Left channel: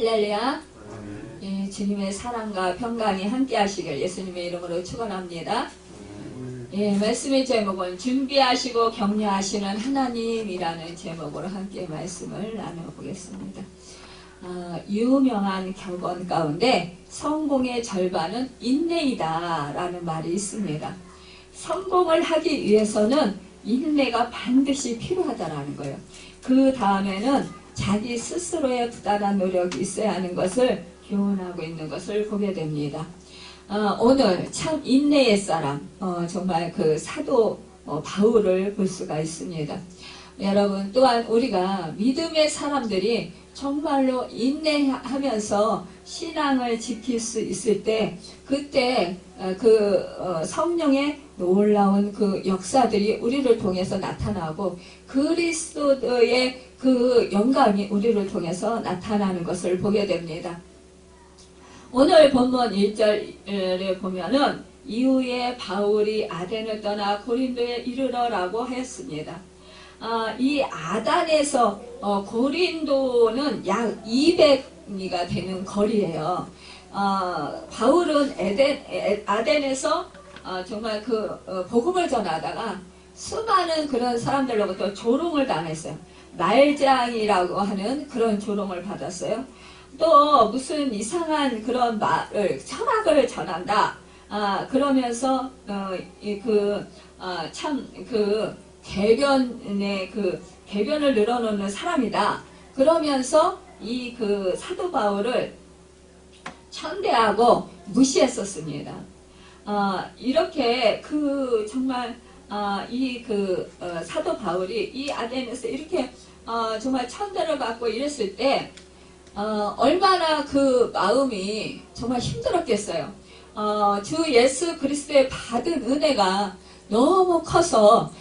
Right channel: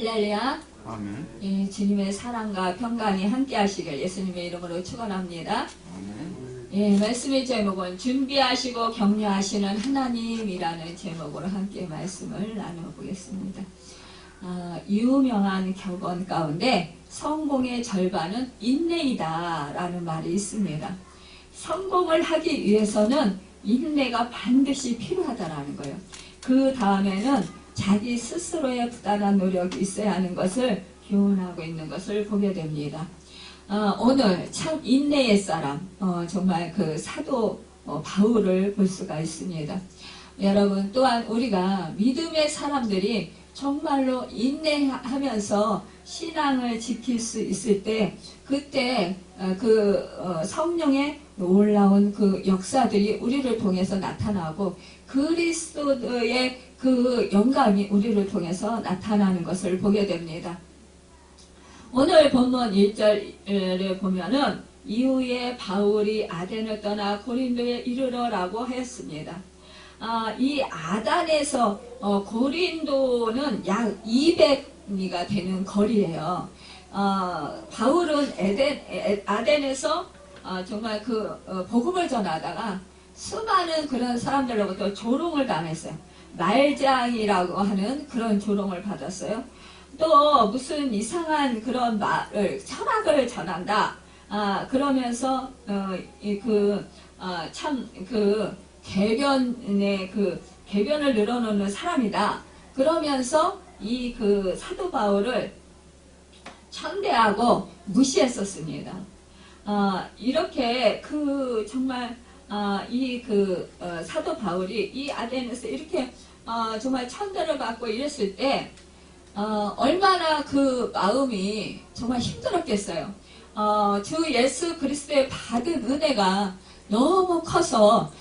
할렐루야. 아멘. 예, 주님의 사랑과 평강이 함께 하시길 예수님의 이름으로 축원합니다. 예, 말씀의 제목은 준비하시고 격려하시는 하나님이라는 제목으로 함께 말씀을 나눠보겠습니다. 유명한 경건 가운데 성공의 절반은 인내이다 라는 말이 있습니다. 성공을 하기 위해서는 인내가 반드시 필요하다라는 거예요. 그 다음에는 자기 스스로의 부단한 노력이 있어야 하는 것을 교훈하고 있는 것을 보게 됩니다. 오늘 참 인내의 사람, 정말 그 사도 바울을 볼 수가 있습니다. 여러분, 또한 우리가 믿음의 사람들이 정말로 인내하면서 신앙을 지킬 수 있을 때, 그때 성령의 놀라운 그 역사들이 우리를 통해서 나타나고 그리스도의 그 영광이 우리를 통해서 나타나는 것을 보게 됩니다. 오늘 본문 1절에 보면은 이후에 바울이 아덴을 떠나 고린도에 이르러라고 했습니다. 이 아단에서 고린도는 약 200리가 되는 거리예요. 바울은 아덴에서 정말 복음을 전하다가 수많은 그런 사람들로부터 조롱을 당했어요. 말장이라고 하는 그런 조롱을 받았어요. 또 무슨 이상한 그런 말을 철학을 전한다. 그러면서 개변을 늘어놓는 사람이다. 그러면서 이 사도 바울을 천대하고 무시했었습니다. 이렇게 정말 사도 바울이 이 아덴에서 이렇게 정말 천대를 받고 이랬을 때 얼마나 그 마음이 정말 힘들었겠어요. 주 예수 그리스도의 받은 은혜가 너무 커서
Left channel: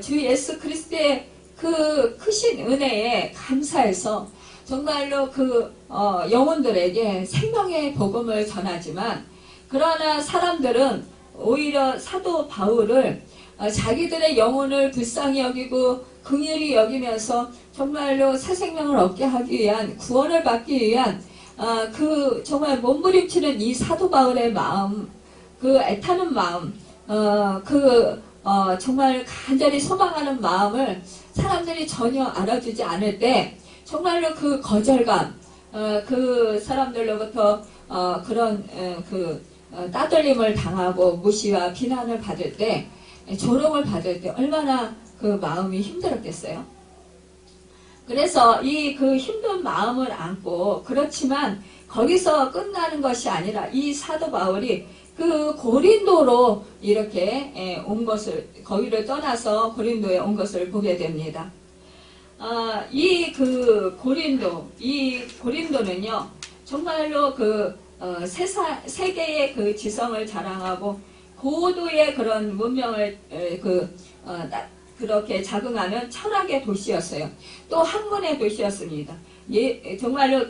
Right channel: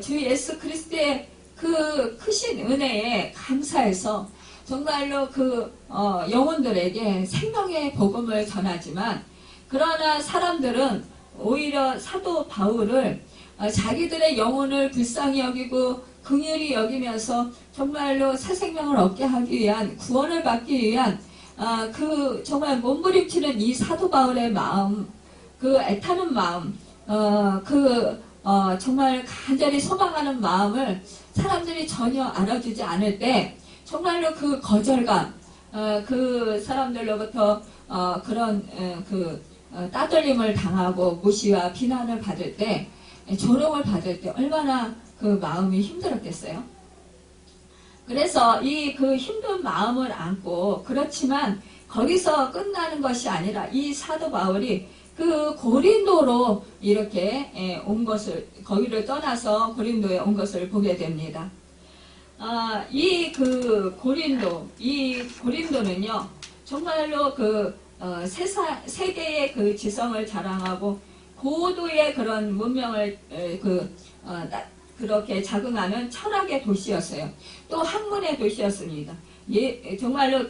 주 예수 그리스도의 그 크신 은혜에 감사해서 정말로 영혼들에게 생명의 복음을 전하지만, 그러나 사람들은 오히려 사도 바울을 자기들의 영혼을 불쌍히 여기고 긍휼히 여기면서 정말로 새 생명을 얻게 하기 위한, 구원을 받기 위한 정말 몸부림치는 이 사도 바울의 마음, 애타는 마음, 정말 간절히 소망하는 마음을 사람들이 전혀 알아주지 않을 때 정말로 그 거절감, 그 사람들로부터 따돌림을 당하고 무시와 비난을 받을 때, 조롱을 받을 때 얼마나 그 마음이 힘들었겠어요. 그래서 힘든 마음을 안고, 그렇지만 거기서 끝나는 것이 아니라 이 사도 바울이 고린도로 이렇게 온 것을, 거기를 떠나서 고린도에 온 것을 보게 됩니다. 고린도는요, 정말로 세계의 지성을 자랑하고 고도의 그런 문명을 그렇게 자긍하는 철학의 도시였어요. 또 학문의 도시였습니다. 정말로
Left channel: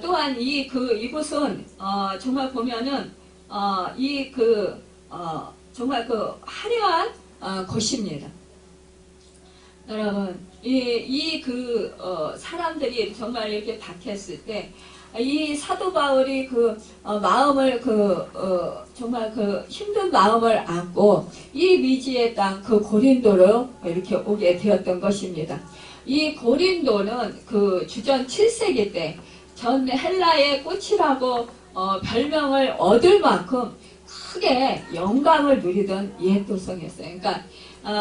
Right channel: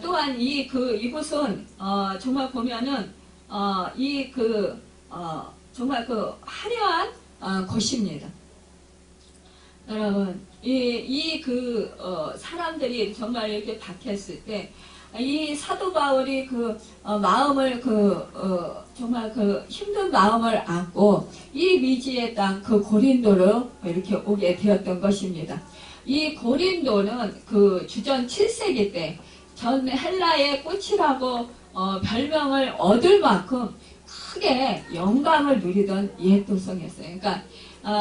또한 이곳은 정말 보면은 정말 화려한 곳입니다. 여러분, 사람들이 정말 이렇게 박했을 때, 이 사도 바울이 마음을 정말 힘든 마음을 안고 이 미지의 땅 고린도로 이렇게 오게 되었던 것입니다. 이 고린도는 주전 7세기 때 전 헬라의 꽃이라고 별명을 얻을 만큼 크게 영광을 누리던 옛 도성이었어요. 그러니까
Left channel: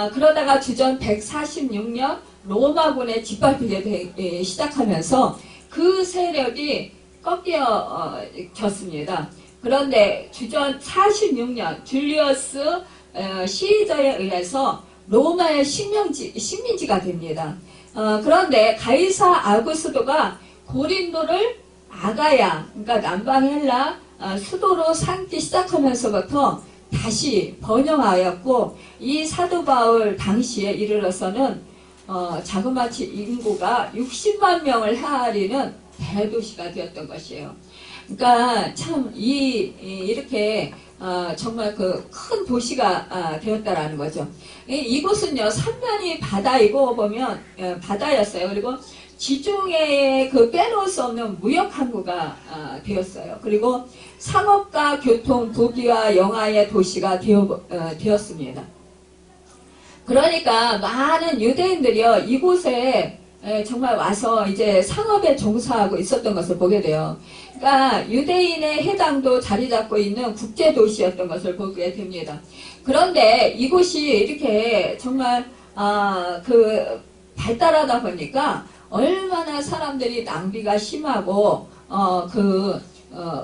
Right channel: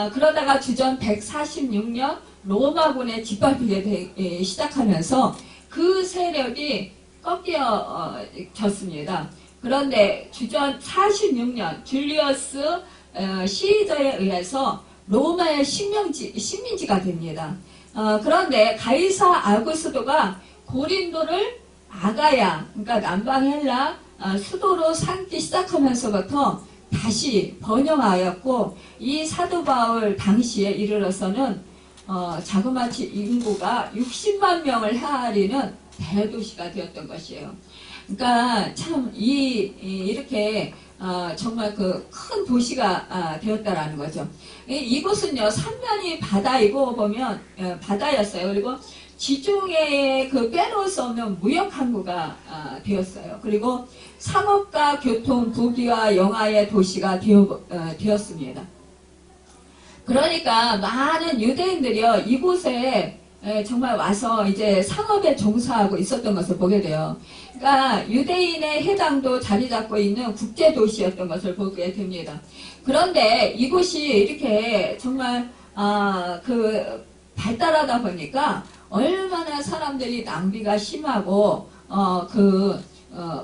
그러다가 주전 146년 로마군에 짓밟히게 시작하면서 그 세력이 꺾여졌습니다. 그런데 주전 46년 줄리어스 시저에 의해서 로마의 식민지가 됩니다. 그런데 가이사 아구스도가 고린도를 아가야, 그러니까 남방 헬라 수도로 삼기 시작하면서부터 다시 번영하였고, 이 사도 바울 당시에 이르러서는 자그마치 인구가 60만 명을 헤아리는 대도시가 되었던 것이에요. 그러니까 참 이렇게 정말 큰 도시가 되었다라는 거죠. 이곳은요, 삼면이 바다이고 보면 바다였어요. 그리고 지중해에 그 빼놓을 수 없는 무역 항구가 되었어요. 그리고 상업과 교통, 부귀와 영화의 도시가 되었습니다. 그러니까 많은 유대인들이요, 이곳에 정말 와서 이제 상업에 종사하고 있었던 것을 보게 돼요. 그러니까 유대인의 해당도 자리 잡고 있는 국제 도시였던 것을 보게 됩니다. 그런데 이곳이 이렇게 정말 발달하다 보니까 얼마나 사람들이 낭비가 심하고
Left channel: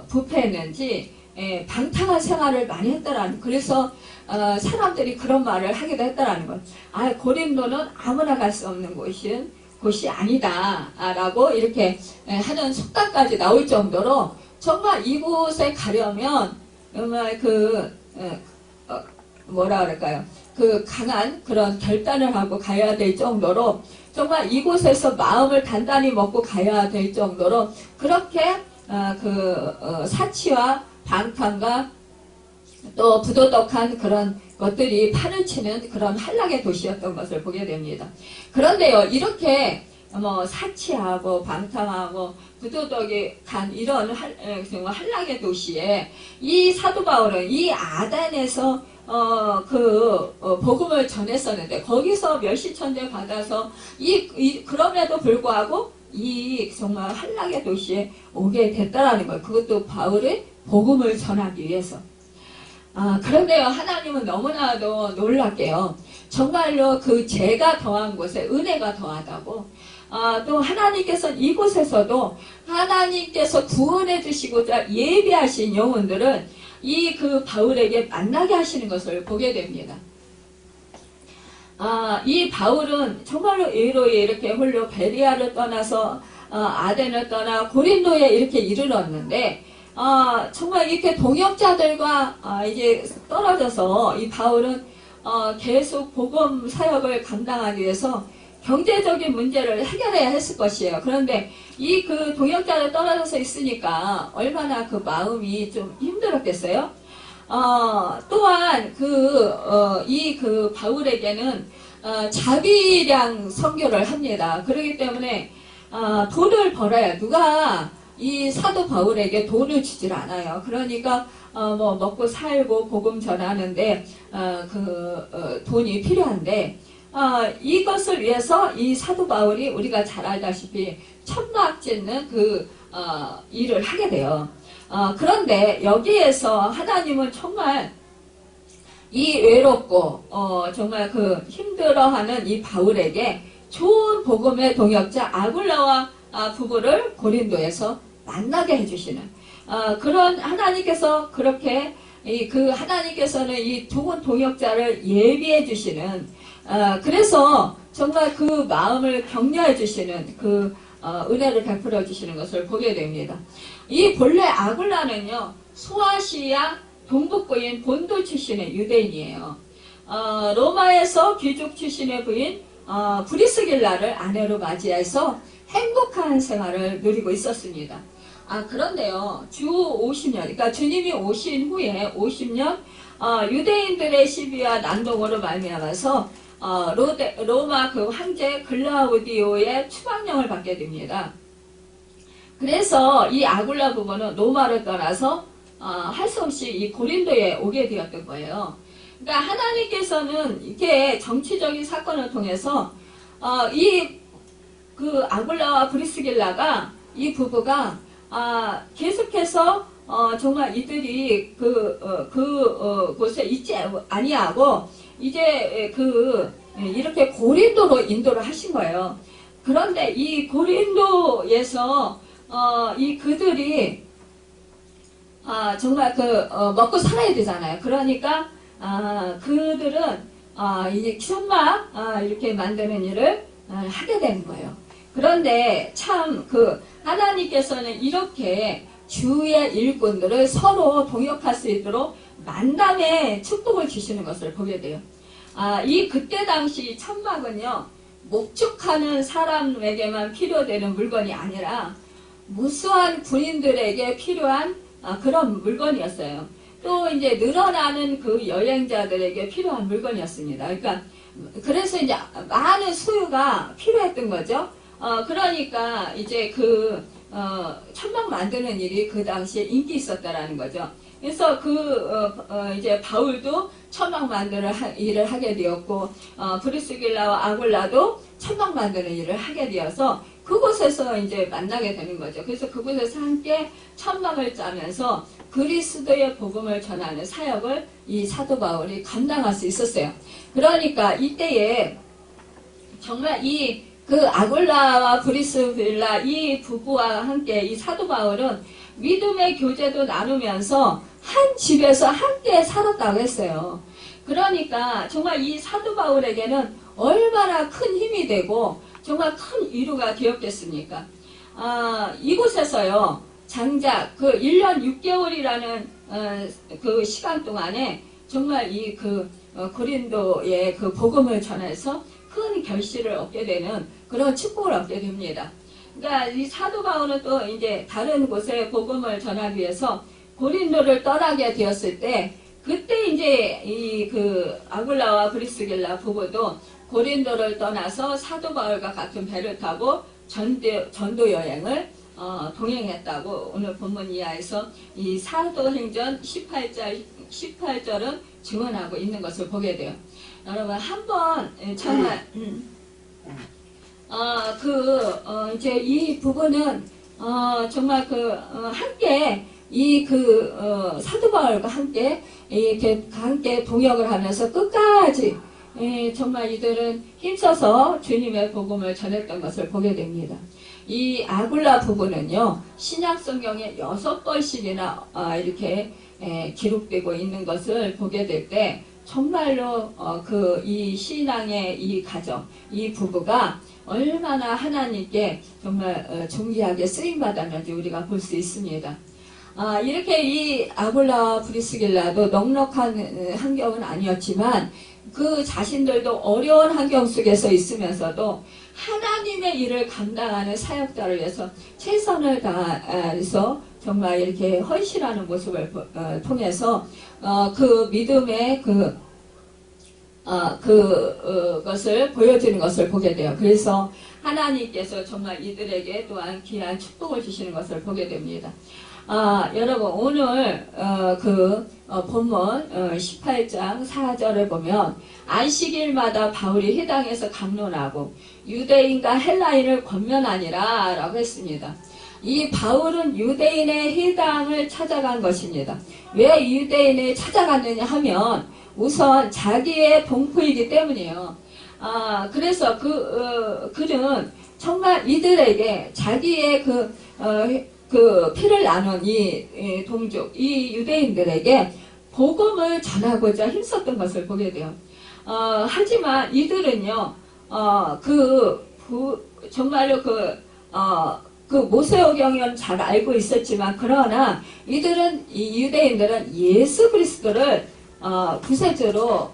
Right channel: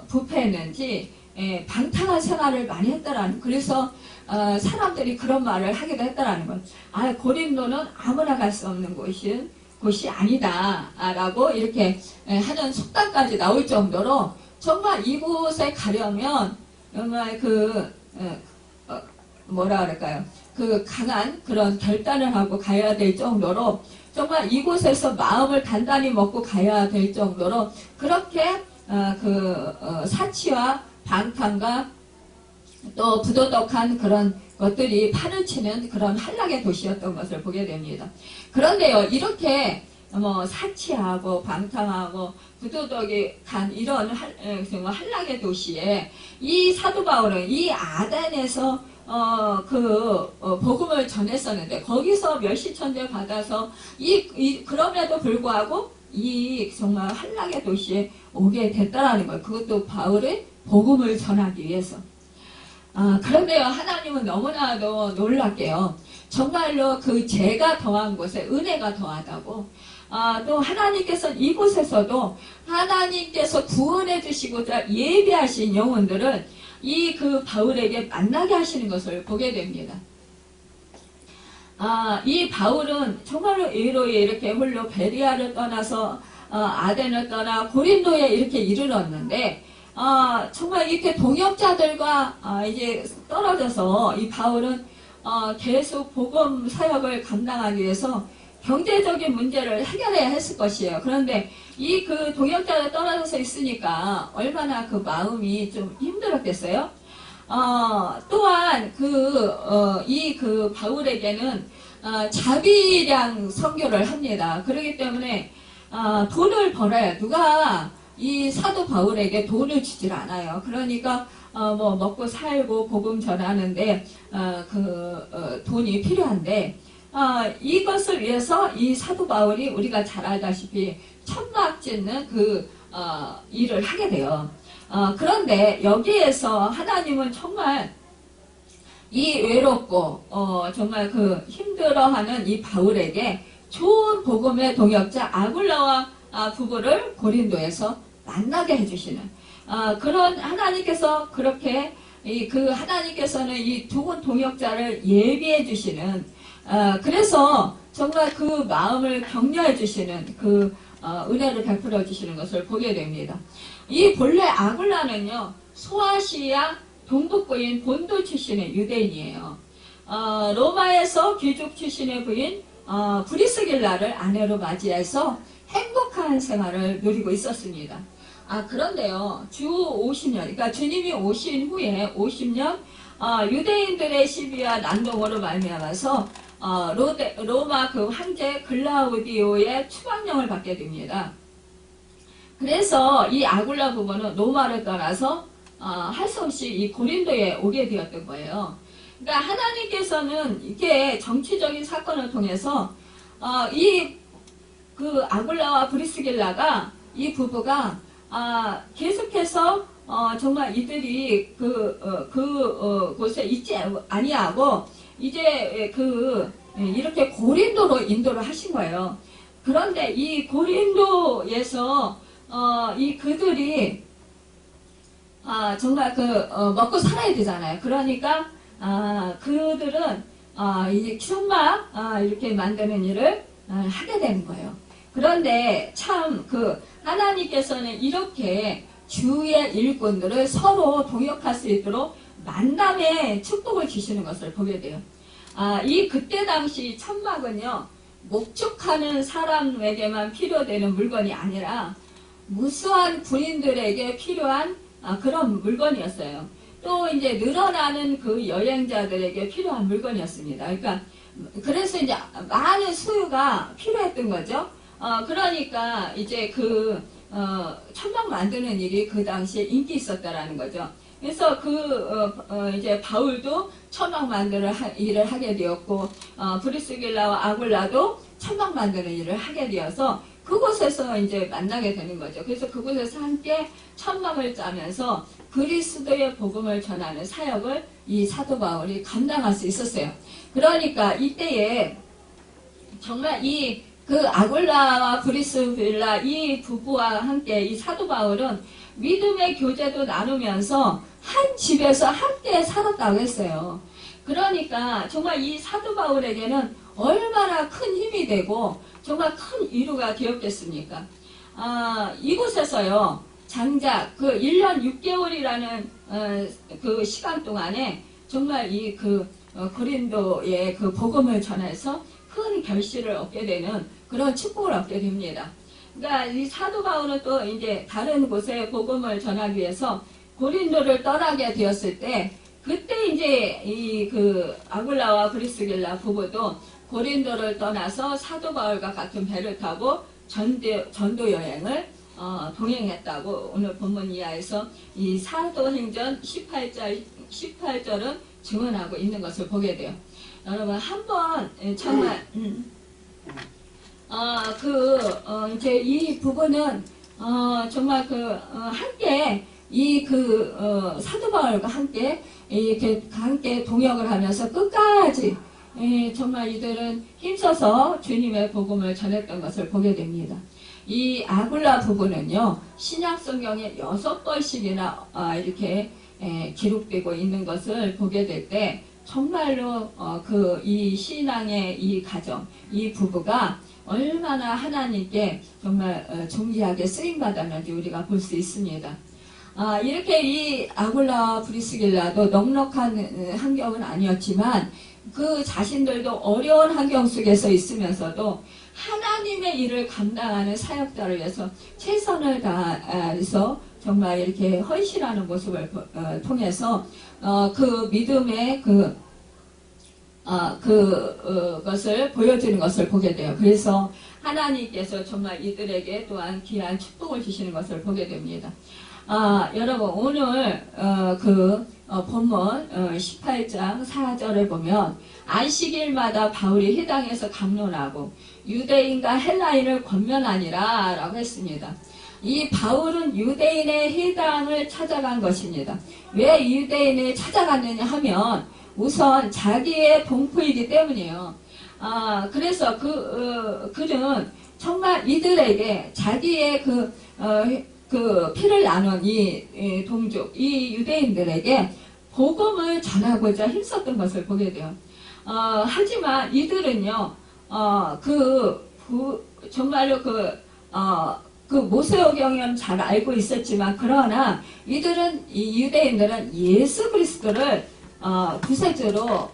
부패했는지 방탕한 생활을 많이 했다라는, 그래서 사람들이 그런 말을 하기도 했다라는 것. 고린도는 아무나 갈 수 없는 곳이 아니다 라고 이렇게 하는 속담까지 나올 정도로 정말 이곳에 가려면 정말 뭐라 그럴까요? 그 강한 그런 결단을 하고 가야 될 정도로 정말 이곳에서 마음을 단단히 먹고 가야 될 정도로 그렇게 사치와 방탕과 또 부도덕한 그런 것들이 판을 치는 그런 한락의 도시였던 것을 보게 됩니다. 그런데요, 이렇게 사치하고 방탕하고 부도덕한 이런 한락의 도시에 이 사도 바울은 이 아덴에서 복음을 전했었는데 거기서 멸시천대 받아서 그럼에도 불구하고 이 정말 한락의 도시에 오게 됐다라는 거예요. 그것도 바울의 복음을 전하기 위해서. 그런데요, 하나님은 너무나도 놀랍게요. 정말로 그 죄가 더한 곳에 은혜가 더하다고. 또 하나님께서 이곳에서도 하나님께서 구원해 주시고자 예비하신 영혼들을 그 바울에게 만나게 하시는 것을 보게 됩니다. 이 바울은 정말로 의로이 이렇게 홀로 베리아를 떠나서 아덴을 떠나 고린도에 이렇게 이르렀는데 정말 이렇게 동역자들과 이제 떨어져서 이 바울은 계속 복음 사역을 감당하기 위해서 경제적인 문제를 해결해야 했을 것이에요. 그런데 그 동역자들 떨어져서 있으니까 얼마나 그 마음이 좀 힘들었겠어요? 또한 그 바울에게는 자비량 선교를 합니다. 그렇기 때문에 돈을 벌어야 누가 이 사도 바울에게 돈을 주질 않아요. 그러니까 먹고 살고 복음 전하는데 돈이 필요한데 이것을 위해서 이 사도 바울이 우리가 잘 알다시피 천막 짓는 일을 하게 돼요. 그런데 여기에서 하나님은 정말 이 외롭고 정말 힘들어하는 이 바울에게 좋은 복음의 동역자 아굴라와 부부를 고린도에서 만나게 해주시는 그런 하나님께서 그렇게 하나님께서는 이 좋은 동역자를 예비해 주시는 그래서 정말 그 마음을 격려해 주시는 은혜를 베풀어 주시는 것을 보게 됩니다. 이 본래 아굴라는요, 소아시아 동북부인 본도 출신의 유대인이에요. 로마에서 귀족 출신의 부인 브리스길라를 아내로 맞이해서 행복한 생활을 누리고 있었습니다. 그런데요, 주 50년, 그러니까 주님이 오신 후에 50년 유대인들의 시비와 난동으로 말미암아서 로마 황제 글라우디오의 추방령을 받게 됩니다. 그래서 이 아굴라 부부는 로마를 떠나서 할 수 없이 이 고린도에 오게 되었던 거예요. 그러니까 하나님께서는 이게 정치적인 사건을 통해서 아굴라와 브리스길라가 이 부부가 계속해서 정말 이들이 곳에 있지 아니하고 이제 이렇게 고린도로 인도를 하신 거예요. 그런데 이 고린도에서 그들이 정말 먹고 살아야 되잖아요. 그러니까 그들은 이제 천막 이렇게 만드는 일을 하게 되는 거예요. 그런데 참 하나님께서는 이렇게 주의 일꾼들을 서로 동역할 수 있도록 만남의 축복을 주시는 것을 보게 돼요. 그때 당시 천막은요, 목축하는 사람에게만 필요되는 물건이 아니라 무수한 군인들에게 필요한 그런 물건이었어요. 또 이제 늘어나는 여행자들에게 필요한 물건이었습니다. 그러니까 그래서 이제 많은 수요가 필요했던 거죠. 그러니까 이제 천막 만드는 일이 그 당시에 인기 있었다라는 거죠. 그래서 이제 바울도 천막 만드는 일을 하게 되었고, 브리스길라와 아굴라도 천막 만드는 일을 하게 되어서 그곳에서 이제 만나게 되는 거죠. 그래서 그곳에서 함께 천막을 짜면서 그리스도의 복음을 전하는 사역을 이 사도 바울이 감당할 수 있었어요. 그러니까 이때에 정말 아굴라와 브리스길라 이 부부와 함께 이 사도 바울은 믿음의 교제도 나누면서 한 집에서 함께 살았다고 했어요. 그러니까 정말 이 사도 바울에게는 얼마나 큰 힘이 되고 정말 큰 위로가 되었겠습니까? 이곳에서요, 장작 1년 6개월이라는 그 시간 동안에 정말 고린도의 그 복음을 전해서 큰 결실을 얻게 되는 그런 축복을 얻게 됩니다. 그러니까 이 사도 바울은 또 이제 다른 곳에 복음을 전하기 위해서 고린도를 떠나게 되었을 때, 그때 이제 아굴라와 브리스길라 부부도 고린도를 떠나서 사도 바울과 같은 배를 타고 전도 여행을 동행했다고 오늘 본문 이하에서 이 사도행전 18절은 증언하고 있는 것을 보게 돼요. 여러분 한번 정말 이제 이 부분은 정말 함께 사도 바울과 함께 함께 동역을 하면서 끝까지 정말 이들은 힘써서 주님의 복음을 전했던 것을 보게 됩니다. 이 아굴라 부부는요, 신약 성경에 6번씩이나 이렇게 기록되고 있는 것을 보게 될 때 정말로 이 신앙의 이 가정, 이 부부가 얼마나 하나님께 정말 존귀하게 쓰임받았는지 우리가 볼 수 있습니다. 이렇게 이 아굴라와 브리스길라도 넉넉한 환경은 아니었지만 그 자신들도 어려운 환경 속에서 있으면서도 하나님의 일을 감당하는 사역자를 위해서 최선을 다해서 정말 이렇게 헌신하는 모습을 통해서 그 믿음의 것을 보여주는 것을 보게 돼요. 그래서 하나님께서 정말 이들에게 또한 귀한 축복을 주시는 것을 보게 됩니다. 여러분 오늘 본문 18장 4절에 보면 안식일마다 바울이 회당에서 강론하고 유대인과 헬라인을 권면하니라 라고 했습니다. 이 바울은 유대인의 회당을 찾아간 것입니다. 왜 유대인을 찾아갔느냐 하면 우선 자기의 동포이기 때문이에요. 그래서 그는 정말 이들에게 자기의 피를 나눈 이 동족, 이 유대인들에게 복음을 전하고자 힘썼던 것을 보게 돼요. 하지만 이들은요, 정말로 모세오경은 잘 알고 있었지만, 그러나 이 유대인들은 예수 그리스도를 구세주로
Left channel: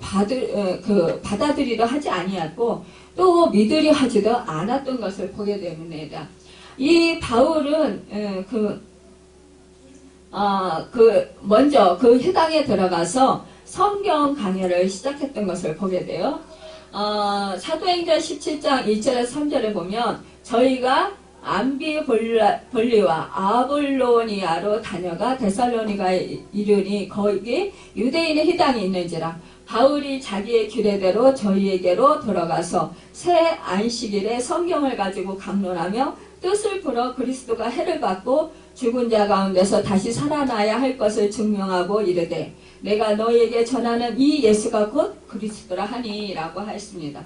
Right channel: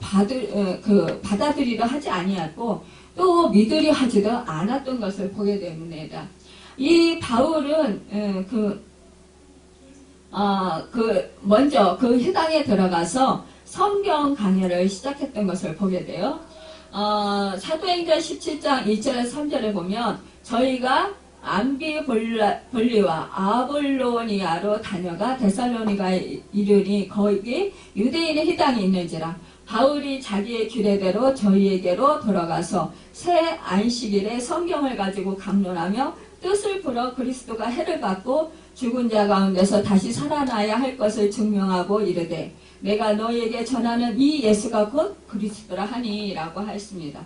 받아들이려 하지 아니했고, 또 믿으려 하지도 않았던 것을 보게 됩니다. 이 바울은 먼저 그 회당에 들어가서 성경 강연을 시작했던 것을 보게 돼요. 사도행전 17장 2절에서 3절에 보면 저희가 암비볼리와 아볼로니아로 다녀가 데살로니가에 이르니 거기 유대인의 회당이 있는지라 바울이 자기의 규례대로 저희에게로 들어가서 새 안식일에 성경을 가지고 강론하며 뜻을 풀어 그리스도가 해를 받고 죽은 자 가운데서 다시 살아나야 할 것을 증명하고 이르되 내가 너희에게 전하는 이 예수가 곧 그리스도라 하니 라고 했습니다.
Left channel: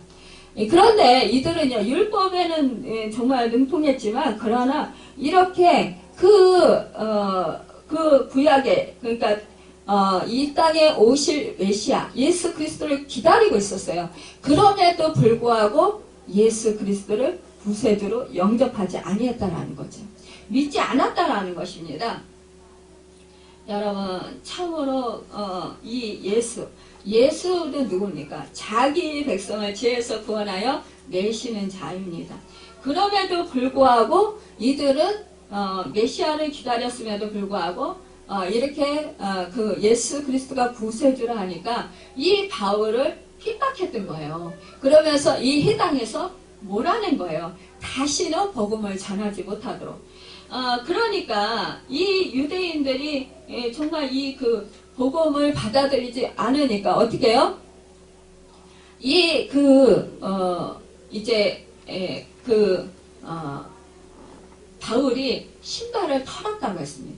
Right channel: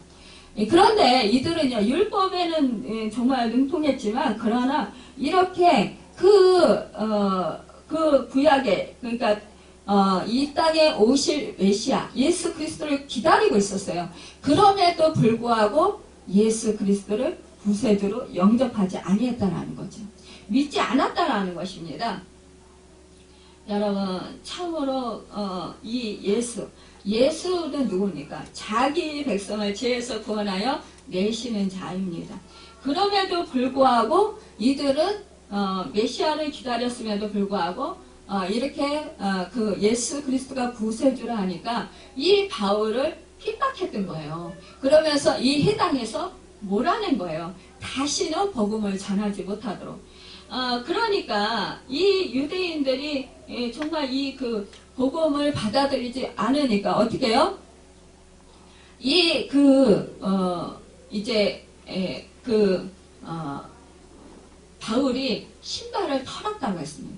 그런데 이들은요, 율법에는 정말 능통했지만, 그러나 이렇게 구약에, 그러니까, 이 땅에 오실 메시아, 예수 그리스도를 기다리고 있었어요. 그럼에도 불구하고 예수 그리스도를 구세주로 영접하지 아니했다라는 거죠. 믿지 않았다라는 것입니다. 여러분, 참으로, 이 예수는 누굽니까? 자기 백성을 죄에서 구원하여 내시는 자입니다. 그럼에도 불구하고 이들은 메시아를 기다렸음에도 불구하고 이렇게 예수 그리스도가 구세주라 하니까 이 바울을 핍박했던 거예요. 그러면서 이 회당에서 몰아낸 거예요. 다시는 복음을 전하지 못하도록. 그러니까 이 유대인들이 정말 이 그 복음을 받아들이지 않으니까 어떻게 해요? 바울이 신발을 털었다고 했습니다.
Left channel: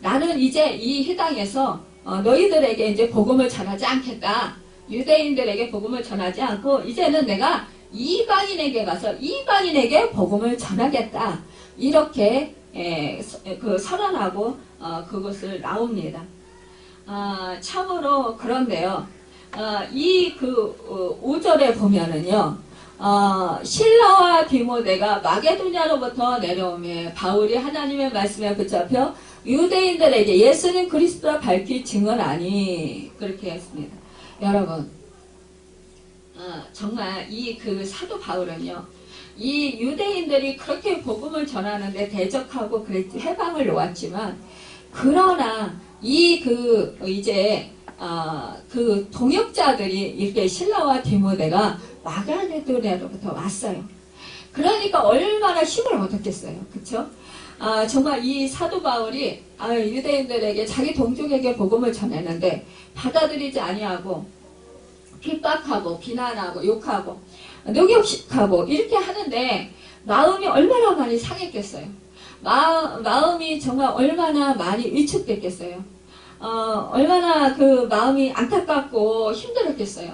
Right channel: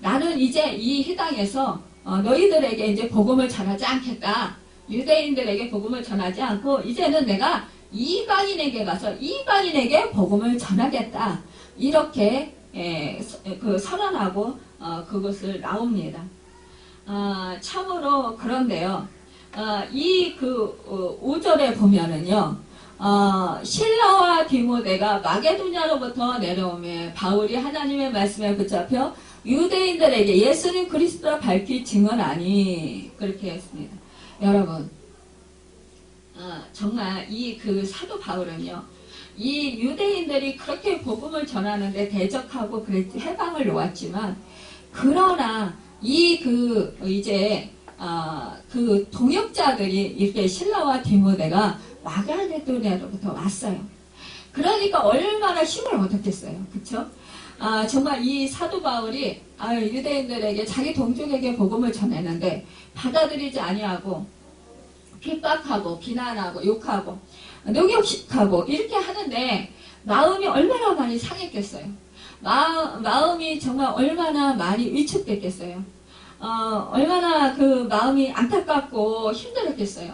나는 이제 이 해당에서 너희들에게 이제 복음을 전하지 않겠다. 유대인들에게 복음을 전하지 않고 이제는 내가 이방인에게 가서 이방인에게 복음을 전하겠다. 이렇게 선언하고 그것을 나옵니다. 참으로 그런데요. 5절에 보면은요. 실라와 디모데가 마게도냐로부터 내려오며 바울이 하나님의 말씀에 붙잡혀 유대인들에게 예수는 그리스도라 밝히 증언하니 그렇게 했습니다. 여러분, 정말 사도 바울은요, 이 유대인들이 그렇게 복음을 전하는데 대적하고 해방을 놓았지만, 그러나 동역자들이 이렇게 실라와 디모데가 마게도냐로부터 왔어요. 그러니까 얼마나 힘을 얻었겠어요. 그쵸? 정말 이 사도 바울이 유대인들에게 자기 동족에게 복음을 전했는데 받아들이지 아니하고 핍박하고 비난하고 욕하고 능욕식하고 이렇게 하는데 마음이 얼마나 많이 상했겠어요. 마음이 정말 얼마나 많이 위축됐겠어요. 얼마나 그 마음이 안타깝고 힘들었겠어요.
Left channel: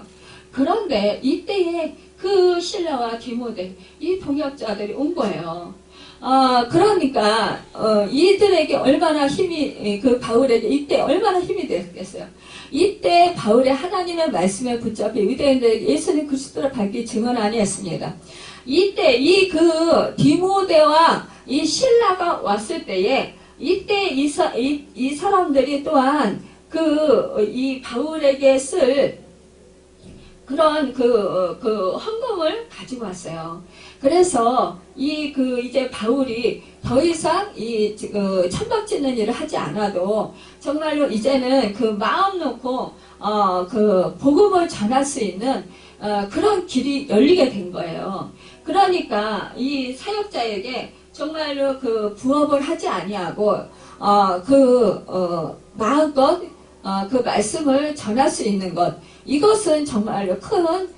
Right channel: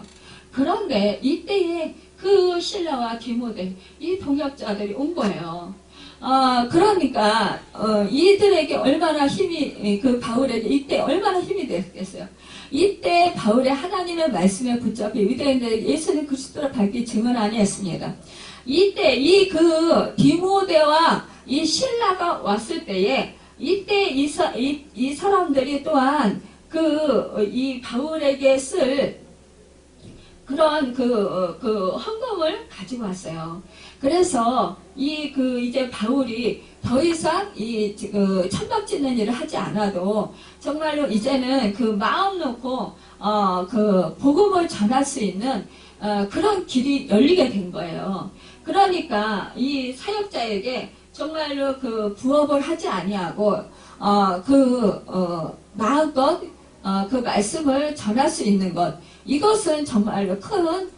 그런데 이때에 그 실라와 디모데 이 동역자들이 온 거예요. 그러니까 이들에게 얼마나 힘이 바울에게 이때 얼마나 힘이 됐겠어요. 이때 바울의 하나님의 말씀에 붙잡혀 유대인들에게 예수는 그리스도라 밝히 증언하니 했습니다. 이때 디모데와 이 실라가 왔을 때에 이때 이 사람들이 또한 이 바울에게 쓸 그런 헌금을 가지고 왔어요. 그래서 이제 바울이 더 이상 천막 짓는 일을 하지 않아도 정말로 이제는 마음 놓고 복음을 전할 수 있는 그런 길이 열리게 된 거예요. 그러니까 이 사역자에게 정말로 부업을 하지 아니하고 마음껏 말씀을 전할 수 있는 것, 이것은 정말로 큰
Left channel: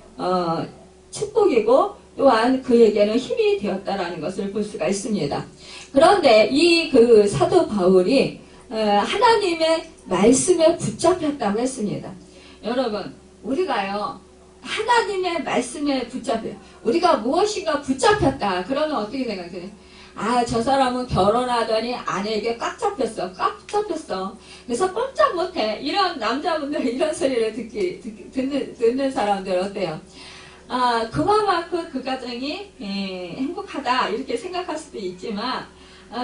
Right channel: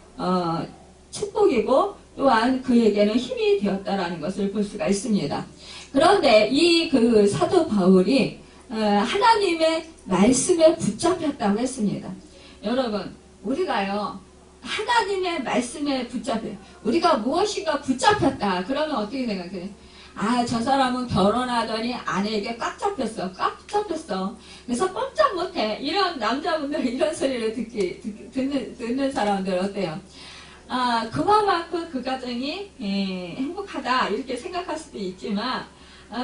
축복이고 또한 그에게는 힘이 되었다라는 것을 볼 수가 있습니다. 그런데 사도 바울이 하나님의 말씀에 붙잡혔다고 했습니다. 여러분, 우리가요 하나님의 말씀에 우리가 무엇인가 붙잡혔다 그러면 어떻게 생각해요? 저 사람은 결혼하더니 아내에게 꽉 잡혔어. 그래서 꼼짝 못해. 이런 남자분들 이런 소리를 듣는 사람들 어때요? 그만큼 그 가정이 행복하다 이렇게 생각할 수도 있지만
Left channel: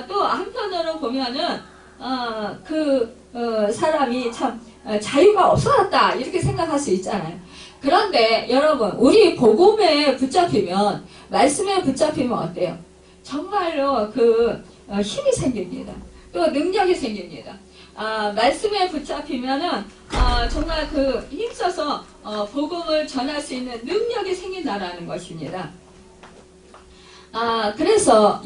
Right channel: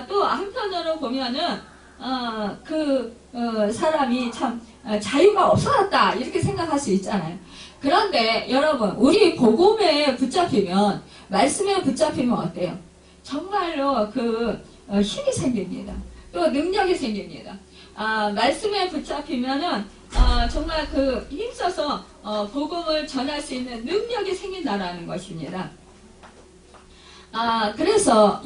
또 한편으로 보면은 사람이 참 자유가 없어졌다 이렇게 생각할 수 있잖아요. 그런데 여러분, 우리 복음에 붙잡히면, 말씀에 붙잡히면 어때요? 정말로 힘이 생깁니다. 또 능력이 생깁니다. 말씀에 붙잡히면은 정말 힘써서 복음을 전할 수 있는 능력이 생긴다라는 것입니다. 그래서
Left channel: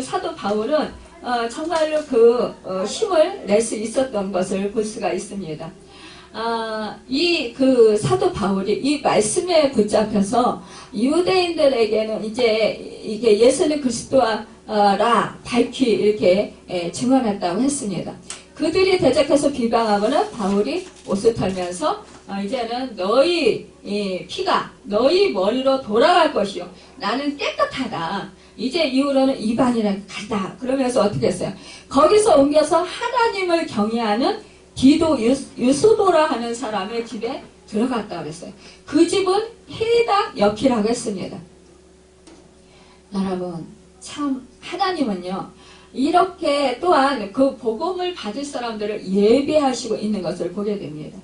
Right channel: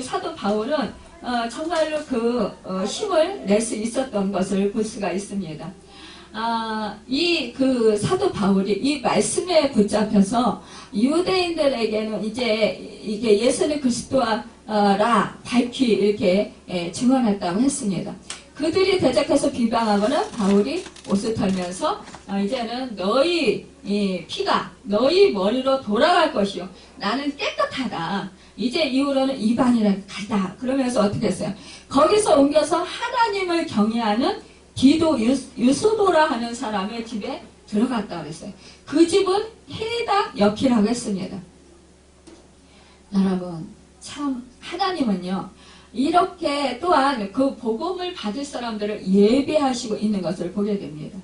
사도 바울은 정말로 힘을 낼 수 있었던 것을 볼 수가 있습니다. 사도 바울이 이 말씀에 붙잡혀서 유대인들에게는 이게 예수는 그리스도라 밝히 이렇게 증언했다고 했습니다. 그들이 대적해서 비방하거나 바울이 옷을 털면서 이제는 너희 피가 너희 머리로 돌아갈 것이요. 나는 깨끗하다. 이제 이후로는 이방인에게 간다. 그러면서 어떻게 했어요? 거기서 옮겨서 하나님을 경외하는 디도 유스도라 하는 사람의 집에 들어갔다 그랬어요. 그 집은 해당 옆이라고 했습니다. 여러분, 참 하나님은요 이렇게 또한 그 복음을 받을 사람들을 예배하시고 있는 것을 보게 됩니다.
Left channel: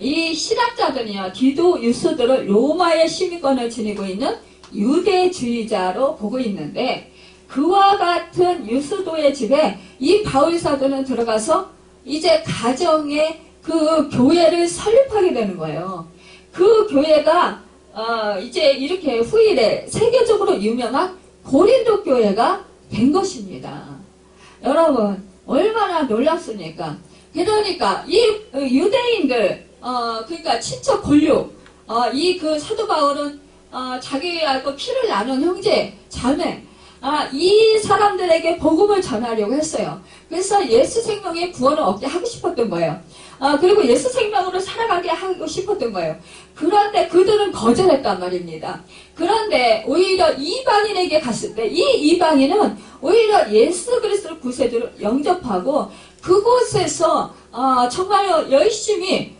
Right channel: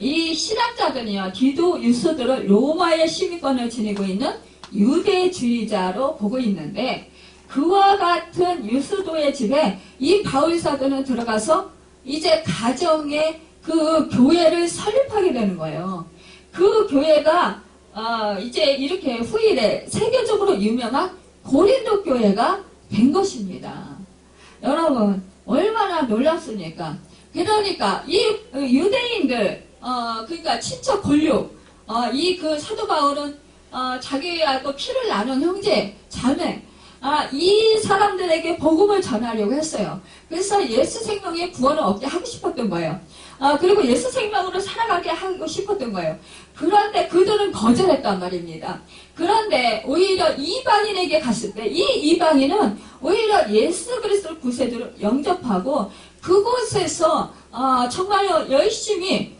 이 신학자들이요 디도 유스도를 로마의 시민권을 지니고 있는 유대주의자로 보고 있는데 그와 같은 유스도의 집에 이 바울 사도는 들어가서 이제 가정의 그 교회를 설립하게 되는 거예요. 그 교회가 이제 이렇게 후일에 세계적으로 유명한 고린도 교회가 된 것입니다. 여러분, 얼마나 놀랍습니까? 그러니까 이 유대인들, 그러니까 친척 권류, 이 그 사도 바울은 자기하고 피를 나눈 형제, 자매, 이 사람들에게 복음을 전하려고 했어요. 그래서 예수 생명의 구원을 얻게 하고 싶었던 거예요. 그리고 예수 생명으로 살아가게 하고 싶었던 거예요. 그런데 그들은 거절했단 말입니다. 그런데 오히려 이방인에게 갔을 때 이 이방인은 오히려 예수 그리스도 구세주로 영접하고 그곳에서 정말로 열심히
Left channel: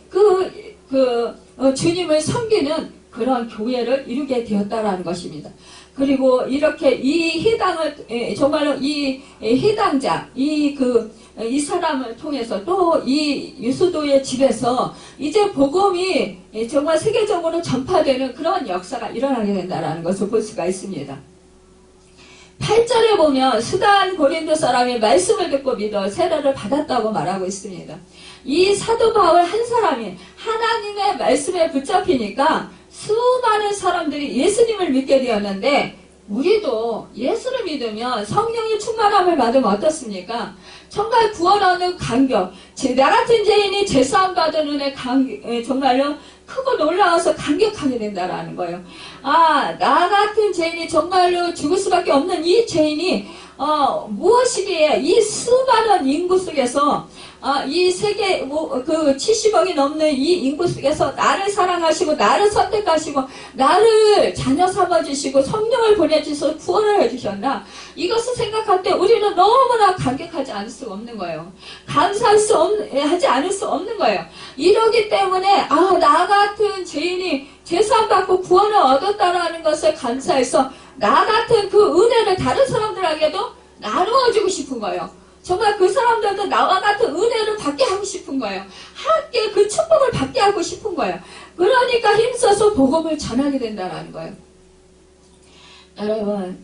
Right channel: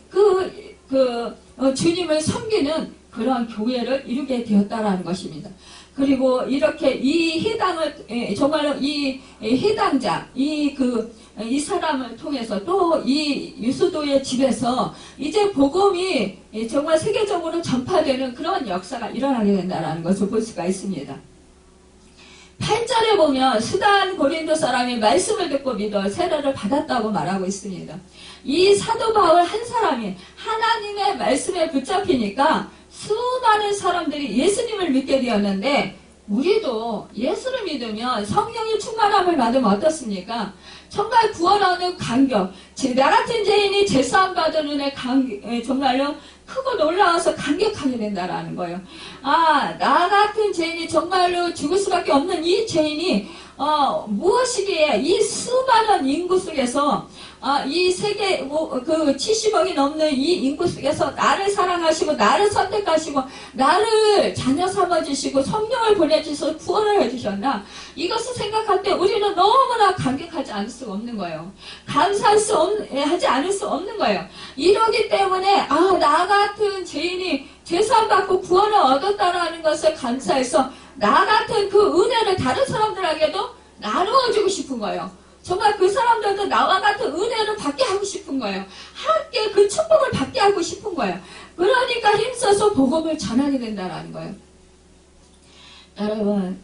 주님을 섬기는 그런 교회를 이루게 되었다라는 것입니다. 그리고 이렇게 이 해당을 정말로 이 해당자 이 사람을 통해서 또 이 유수도의 집에서 이제 복음이 정말 세계적으로 전파되는 그런 역사가 일어나게 된다는 것을 볼 수가 있습니다. 8절에 보면 수단 고린도 사람이 말씀을 듣고 믿어 세례를 받았다고 말하고 있습니다. 이 사도 바울 한 사람이 하나님의 말씀에 붙잡히니까 수많은 사람들이 예수님을 믿게 되었는데 우리도 예수를 믿으면 성령의 충만함을 받으면 어떻습니까? 정말 구원 얻는 감격, 나 같은 죄인이 제사함 받은 은혜 정말로 크고 놀라워서 감격하게 된다라는 거예요. 나 같은 죄인이 정말로 죽을 수밖에 없는 이 죄인이 무엇이기에 이 수많은 인구 속에서 이 세계 70억이 넘는 이 인구 속에서 나를 사랑하시고 나를 선택하시고 나를 자녀 삼아주시고 성령을 보내주셔서 구원을 해주셨나? 이것을 생각할 때 우리는 너무나 감격하지 않을 수가 없는 거예요. 감사하지 않을 수 없는 거예요. 이러기 때문에 나 같은 죄인이 제사함 받고 구원을 얻었다라는 것을 감사해서 나 같은 그 은혜를 다른 사람들에게도 나누어주고 싶은 거예요. 정말 그 사람들도 나와 같은 은혜를 받게 하고 싶은 거예요. 함께 그 축복을 받게 하고 싶은 거예요. 그러니까 힘써서 복음을 전하게 된다는 거예요. 여러분,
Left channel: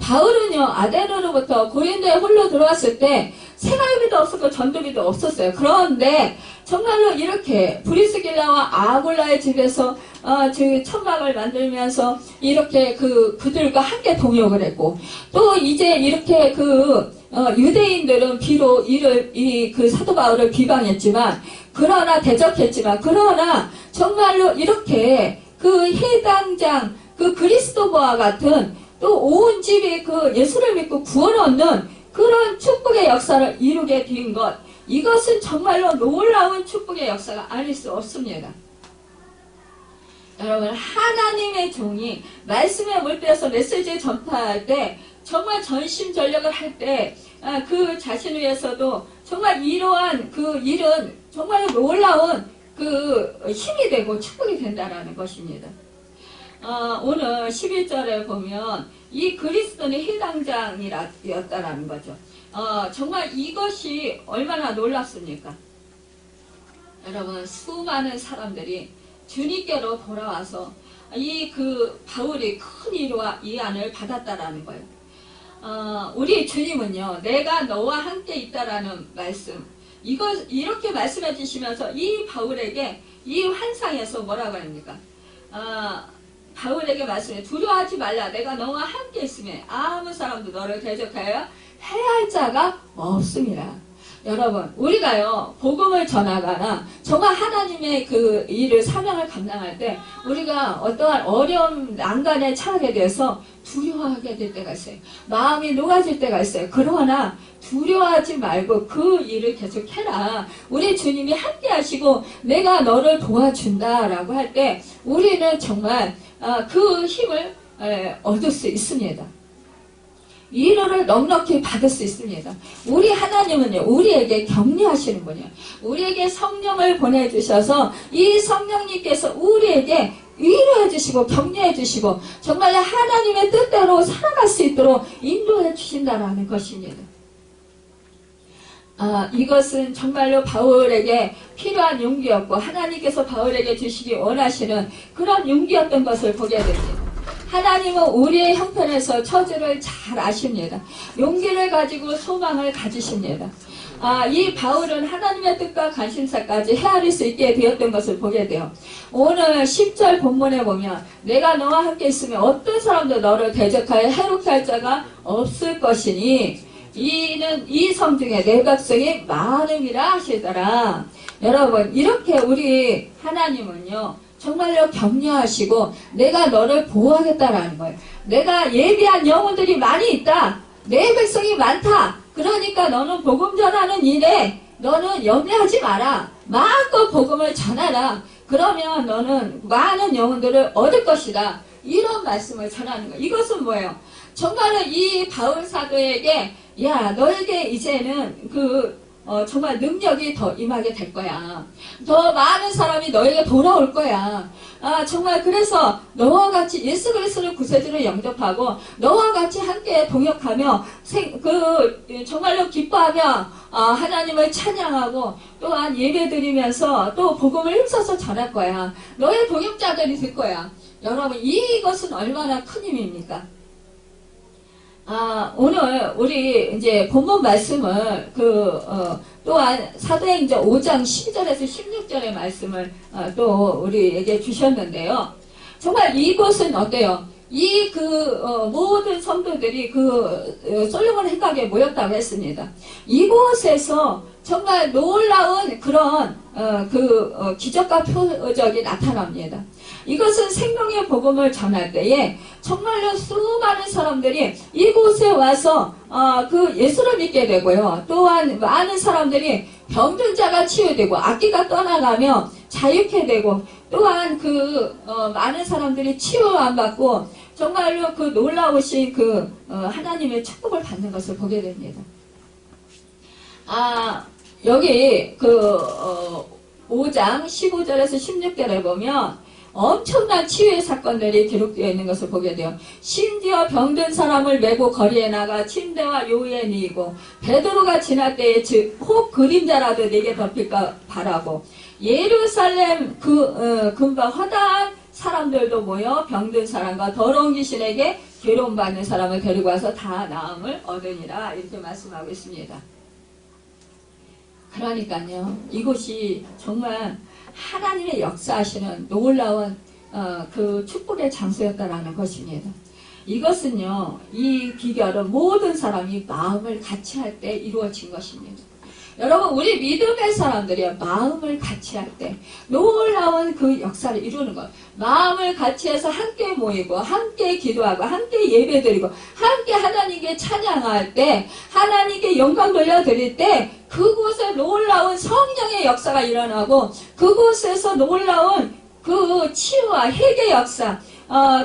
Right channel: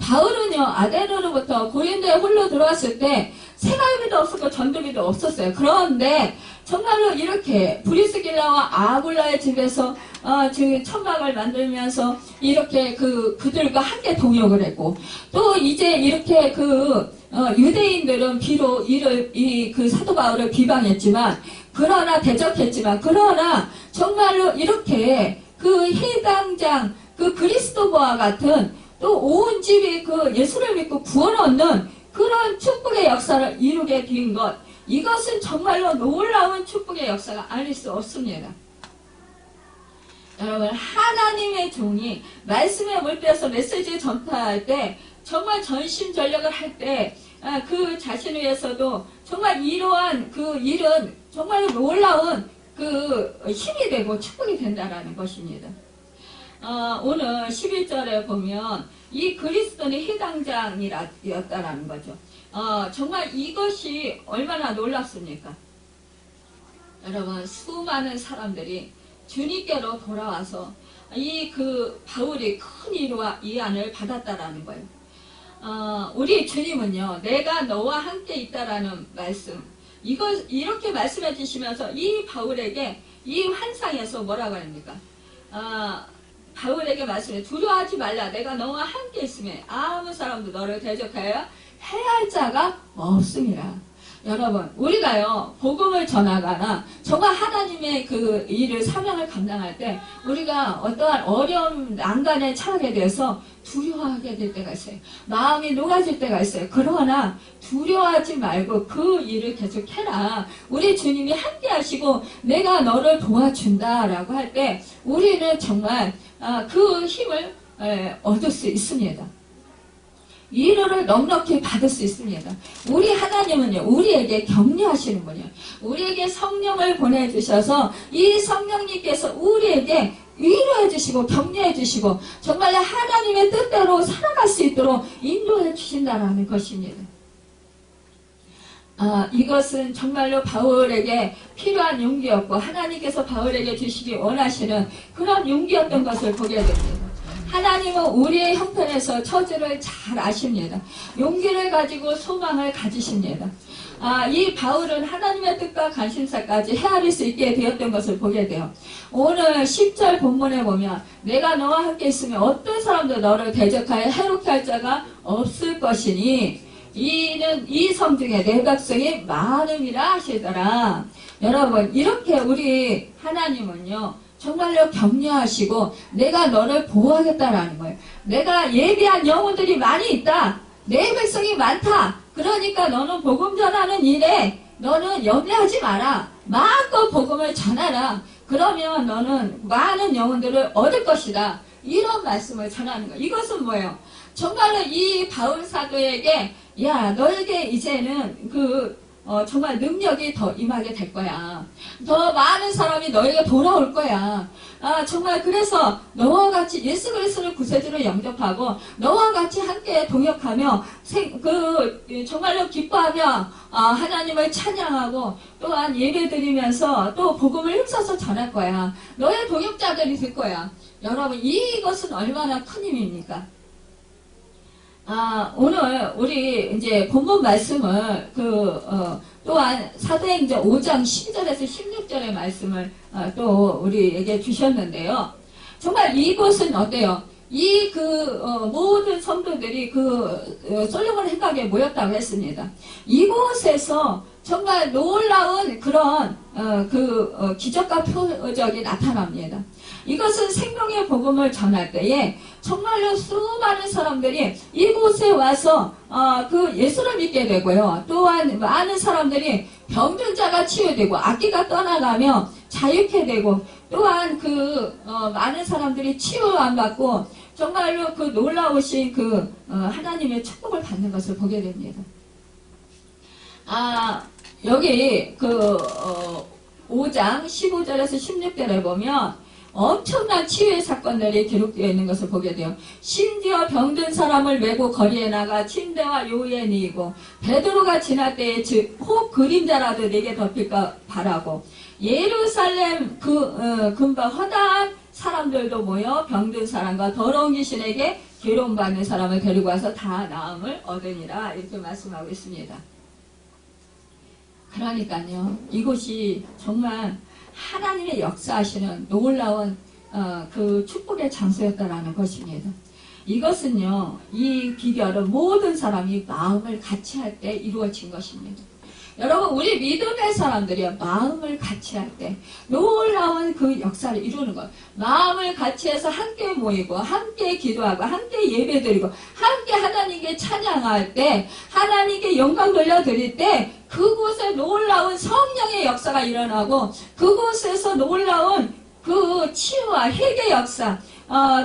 바울은요 아데노로부터 고린도에 홀로 들어왔을 때 생활비도 없었고 전도비도 없었어요. 그런데 정말로 이렇게 브리스길라와 아굴라의 집에서 천막을 만들면서 이렇게 그들과 함께 동역을 했고 또 이제 이렇게 유대인들은 비록 그 사도 바울을 비방했지만 그러나 대적했지만 그러나 정말로 이렇게 그 해당장 그리스도와 같은 또 온 집이 예수를 믿고 구원 얻는 그런 축복의 역사를 이루게 된 것, 이것은 정말로 놀라운 축복의 역사가 아닐 수 없습니다. 여러분, 하나님의 종이 말씀에 몰두해서 메시지를 전파할 때 정말 전심전력을 할 때 그 자신을 위해서도 정말 이러한 그 일은 정말 놀라운 힘이 되고 축복이 된다는 것입니다. 오늘 11절에 보면 이 그리스도는 해당장이었다라는 거죠. 정말 이것이 얼마나 놀랍습니까? 여러분, 수많은 사람들이 주님께로 돌아와서 바울이 큰 위로와 위안을 받았다라는 거예요. 우리 주님은요, 내가 너와 함께 있다라는 말씀, 이렇게 말씀해 주시면서 이 바울에게 이 환상에서 뭐라고 합니까? 바울에게 말씀해 두려워하지 말라. 내가 너와 함께 있으면 아무 사람도 너를 대적하여 해할 자가 없습니다. 여러분, 우리가요 복음을 전하거나 정말 하나님의 일을 사명을 감당할 때 우리가 어떠한 어려운 난간에 처하게 돼서 두려워하게 될 때가 있어요. 마음이 녹아질 때가 있어요. 그러나 두려워하지 말고 그 일을 계속해라. 우리 주님이 함께 하시고 내가 너를 도와준다라고 할 때 우리는 정말 그 힘을 얻을 수 있습니다. 위로를 넉넉히 받을 수 있습니다. 우리 하나님은요, 우리에게 격려하시는 분이에요. 우리에게 성령을 보내주셔서 이 성령님께서 우리에게 위로해 주시고 격려해 주시고 정말 하나님의 뜻대로 살아갈 수 있도록 인도해 주신다는 것입니다. 이것은 정말로 바울에게 필요한 용기였고 하나님께서 바울에게 주시기 원하시는 그런 용기였던 것을 보게 됩니다. 하나님은 우리의 형편에서 처지를 잘 아십니다. 용기를 가지고 소망을 가지십니다. 이 바울은 하나님의 뜻과 관심사까지 헤아릴 수 있게 되었던 것을 보게 돼요. 오늘 10절 본문에 보면 내가 너와 함께 있으면 어떤 사람도 너를 대적하여 해롭게 할 자가 없을 것이니 이는 이 성 중에 내 백성이 많음이라 하시더라. 여러분, 이렇게 우리 하나님은요 정말로 격려하시고 내가 너를 보호하겠다라는 거예요. 내가 예비한 영혼들이 많이 있다. 내 백성이 많다. 그러니까 너는 복음 전하는 일에 너는 염려하지 마라. 마음껏 복음을 전하라. 그러면 너는 많은 영혼들을 얻을 것이다. 이런 말씀을 전하는 거예요. 이것은 뭐예요? 정말로 이 바울 사도에게 야, 너에게 이제는 정말 능력이 더 임하게 될 거야. 더 많은 사람이 너에게 돌아올 거야. 정말 그래서 너와 같이 예수 그리스도를 구세주로 영접하고 너와 같이 함께 동역하며 정말로 기뻐하며 하나님을 찬양하고 또한 예배드리면서 또 복음을 힘써서 전할 거야. 너의 동역자들이 될 거야. 여러분, 이것은 얼마나 큰 힘입니까? 오늘 우리 이제 본문 말씀을 또한 사도행전 5장 12절에서 16절의 말씀을 또 우리에게 주셨는데요. 정말 이곳은 어때요? 모든 성도들이 솔로몬 행각에 모였다고 했습니다. 이곳에서 정말 놀라운 그런 기적과 표적이 나타납니다. 이것은 생명의 복음을 전할 때에 정말로 수많은 사람들이 이곳에 와서 예수를 믿게 되고요. 또한 많은 사람들이 병든 자가 치유되고 악기가 떠나가며 자유케 되고 또한 많은 사람들이 치유 안 받고 정말로 놀라우신 하나님의 축복을 받는 것을 보게 됩니다. 여기 5장 15절에서 16절에 보면 엄청난 치유의 사건들이 기록되어 있는 것을 보게 돼요. 심지어 병든 사람을 메고 거리에 나가 침대와 요위에 누이고 베드로가 지날 때에 혹 그림자라도 내게 덮일까 바라고 예루살렘 근방 허다한 사람들도 모여 병든 사람과 더러운 귀신에게 괴로움받는 사람을 데리고 와서 다 나음을 얻으니라 이렇게 말씀하고 있습니다. 그러니까요, 이곳이 정말 하나님의 역사하시는 놀라운 축복의 장소였다라는 것입니다. 이것은요, 이 비결은 모든 사람이 마음을 같이 할 때 이루어진 것입니다. 여러분, 우리 믿음의 사람들이 마음을 같이 할 때 놀라운 역사를 이루는 것. 마음을 같이 해서 함께 모이고 함께 기도하고 함께 예배드리고 함께 하나님께 찬양할 때 하나님께 영광 돌려드릴 때 그곳에 놀라운 성령의 역사가 일어나고 그곳에서 놀라운 치유와 회개 역사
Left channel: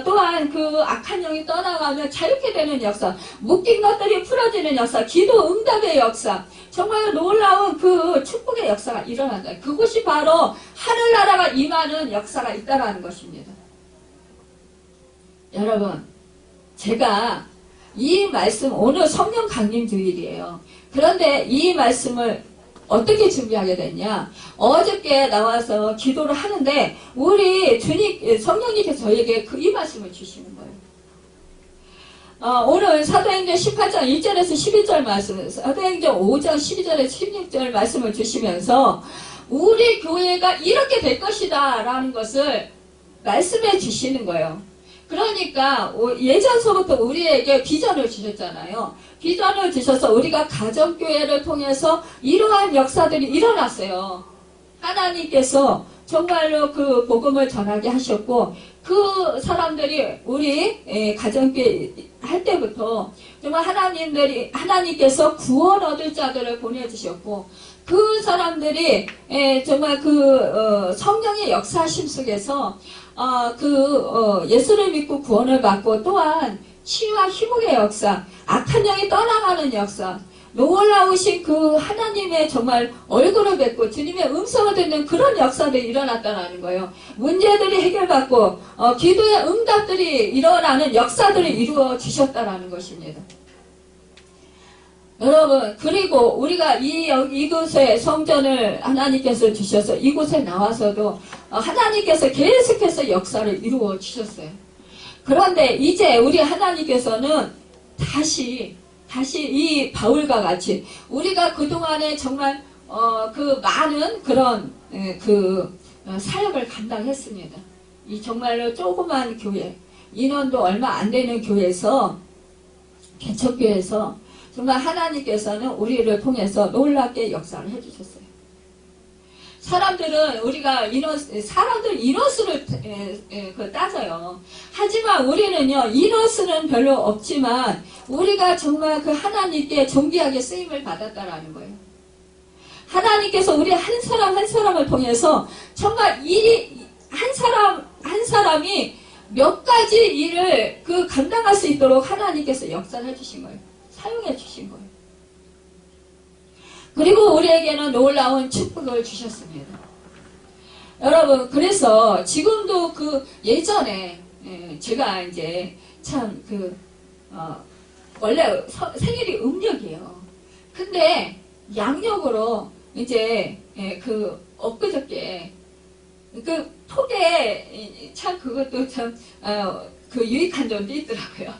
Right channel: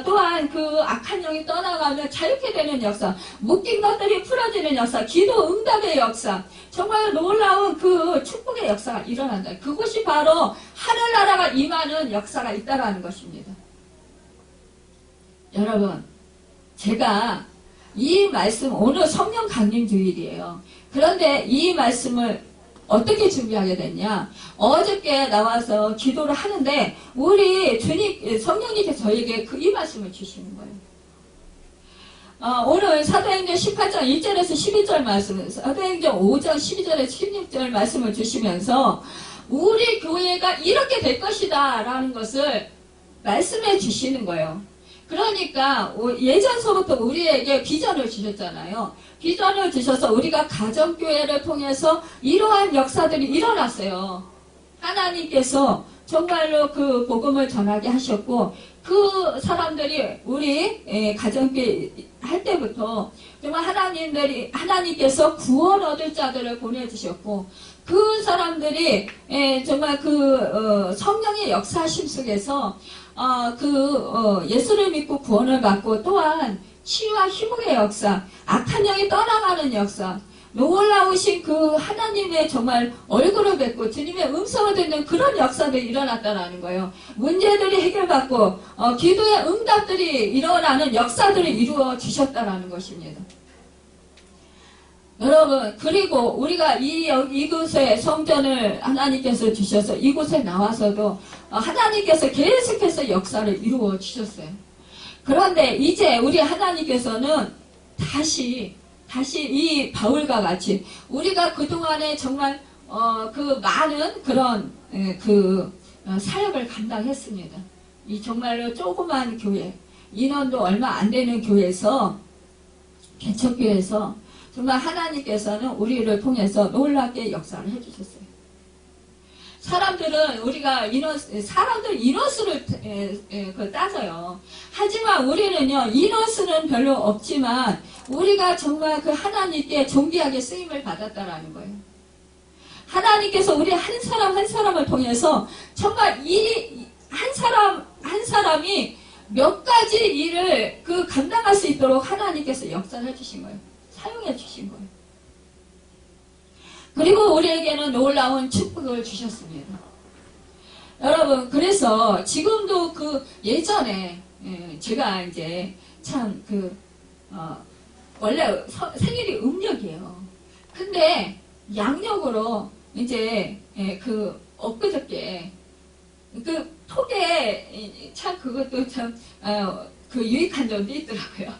또한 악한 영이 떠나가며 자유케 되는 역사, 묶인 것들이 풀어지는 역사, 기도 응답의 역사, 정말 놀라운 축복의 역사가 일어난다. 그곳이 바로 하늘나라가 임하는 역사가 있다라는 것입니다. 여러분, 제가 이 말씀, 오늘 성령 강림 주일이에요. 그런데 이 말씀을 어떻게 준비하게 됐냐? 어저께 나와서 기도를 하는데 우리 성령님께서 저에게 이 말씀을 주시는 거예요. 오늘 사도행전 18장 1절에서 12절 말씀, 사도행전 5장 12절에서 16절 말씀을 주시면서 우리 교회가 이렇게 될 것이다 라는 것을 말씀해 주시는 거예요. 그러니까 예전서부터 우리에게 비전을 주셨잖아요. 비전을 주셔서 우리가 가정교회를 통해서 이러한 역사들이 일어났어요. 하나님께서 정말로 복음을 전하게 하셨고 사람들이 우리 가정교회 할 때부터 정말 하나님께서 구원 얻을 자들을 보내주셨고 그 사람들이 정말 성령의 역사심 속에서 예수를 믿고 구원을 받고 또한 치유와 희복의 역사, 악한 영이 떠나가는 역사, 놀라우신 하나님의 정말 얼굴을 뵙고 주님의 음성을 듣는 그런 역사들이 일어났다는 거예요. 문제들이 해결받고 기도의 응답들이 일어나는 역사들이 이루어지셨다는 것입니다. 여러분, 그리고 우리가 이곳에 성전을 하나님께서 주셔서 이곳에 나와서도 하나님께서 계속해서 역사를 이루어 주셨어요. 그런데 이제 우리 하나님께서는 다시 다시 이 바울과 같이 우리가 그동안에 정말 그 많은 그런 사역을 감당했습니다. 이 정말로 조그만 교회, 인원도 얼마 안 되는 교회에서, 개척교회에서 정말 하나님께서는 우리를 통해서 놀랍게 역사를 해주셨어요. 사람들 인원수를 따져요. 하지만 우리는요, 인원수는 별로 없지만 우리가 정말 그 하나님께 존귀하게 쓰임을 받았다라는 거예요. 하나님께서 우리 한 사람 한 사람을 통해서 정말 한 사람이 몇 가지 일을 감당할 수 있도록 하나님께서 역사를 해주신 거예요. 사용해 주신 거예요. 그리고 우리에게는 놀라운 축복을 주셨습니다. 여러분, 그래서 지금도 예전에 제가 이제 참 원래 생일이 음력이에요. 근데 양력으로 이제 엊그저께 톡에 참 그것도 참 유익한 점도 있더라고요.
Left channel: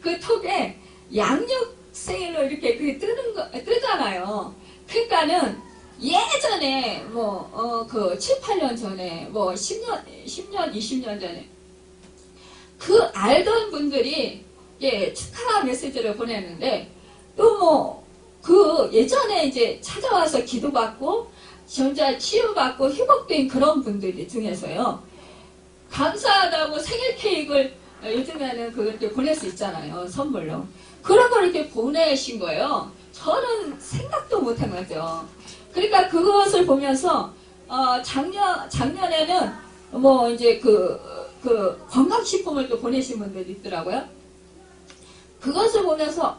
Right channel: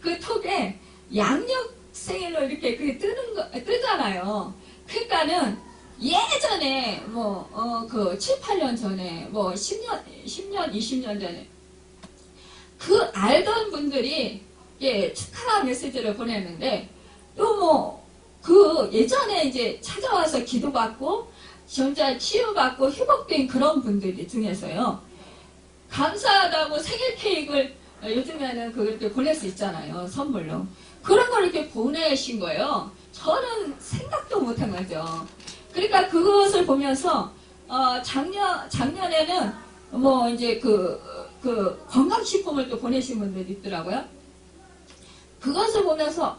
그 톡에 양력 생일로 이렇게 뜨잖아요. 그러니까는 예전에 7, 8년 전에 10년, 20년 전에 알던 분들이 축하 메시지를 보냈는데 또 예전에 이제 찾아와서 기도받고 전자 치유받고 회복된 그런 분들 중에서요, 감사하다고 생일 케이크를 요즘에는 그렇게 보낼 수 있잖아요, 선물로. 그런 걸 이렇게 보내신 거예요. 저는 생각도 못한 거죠. 그러니까 그것을 보면서 작년에는 이제 건강식품을 또 보내신 분들이 있더라고요. 그것을 보면서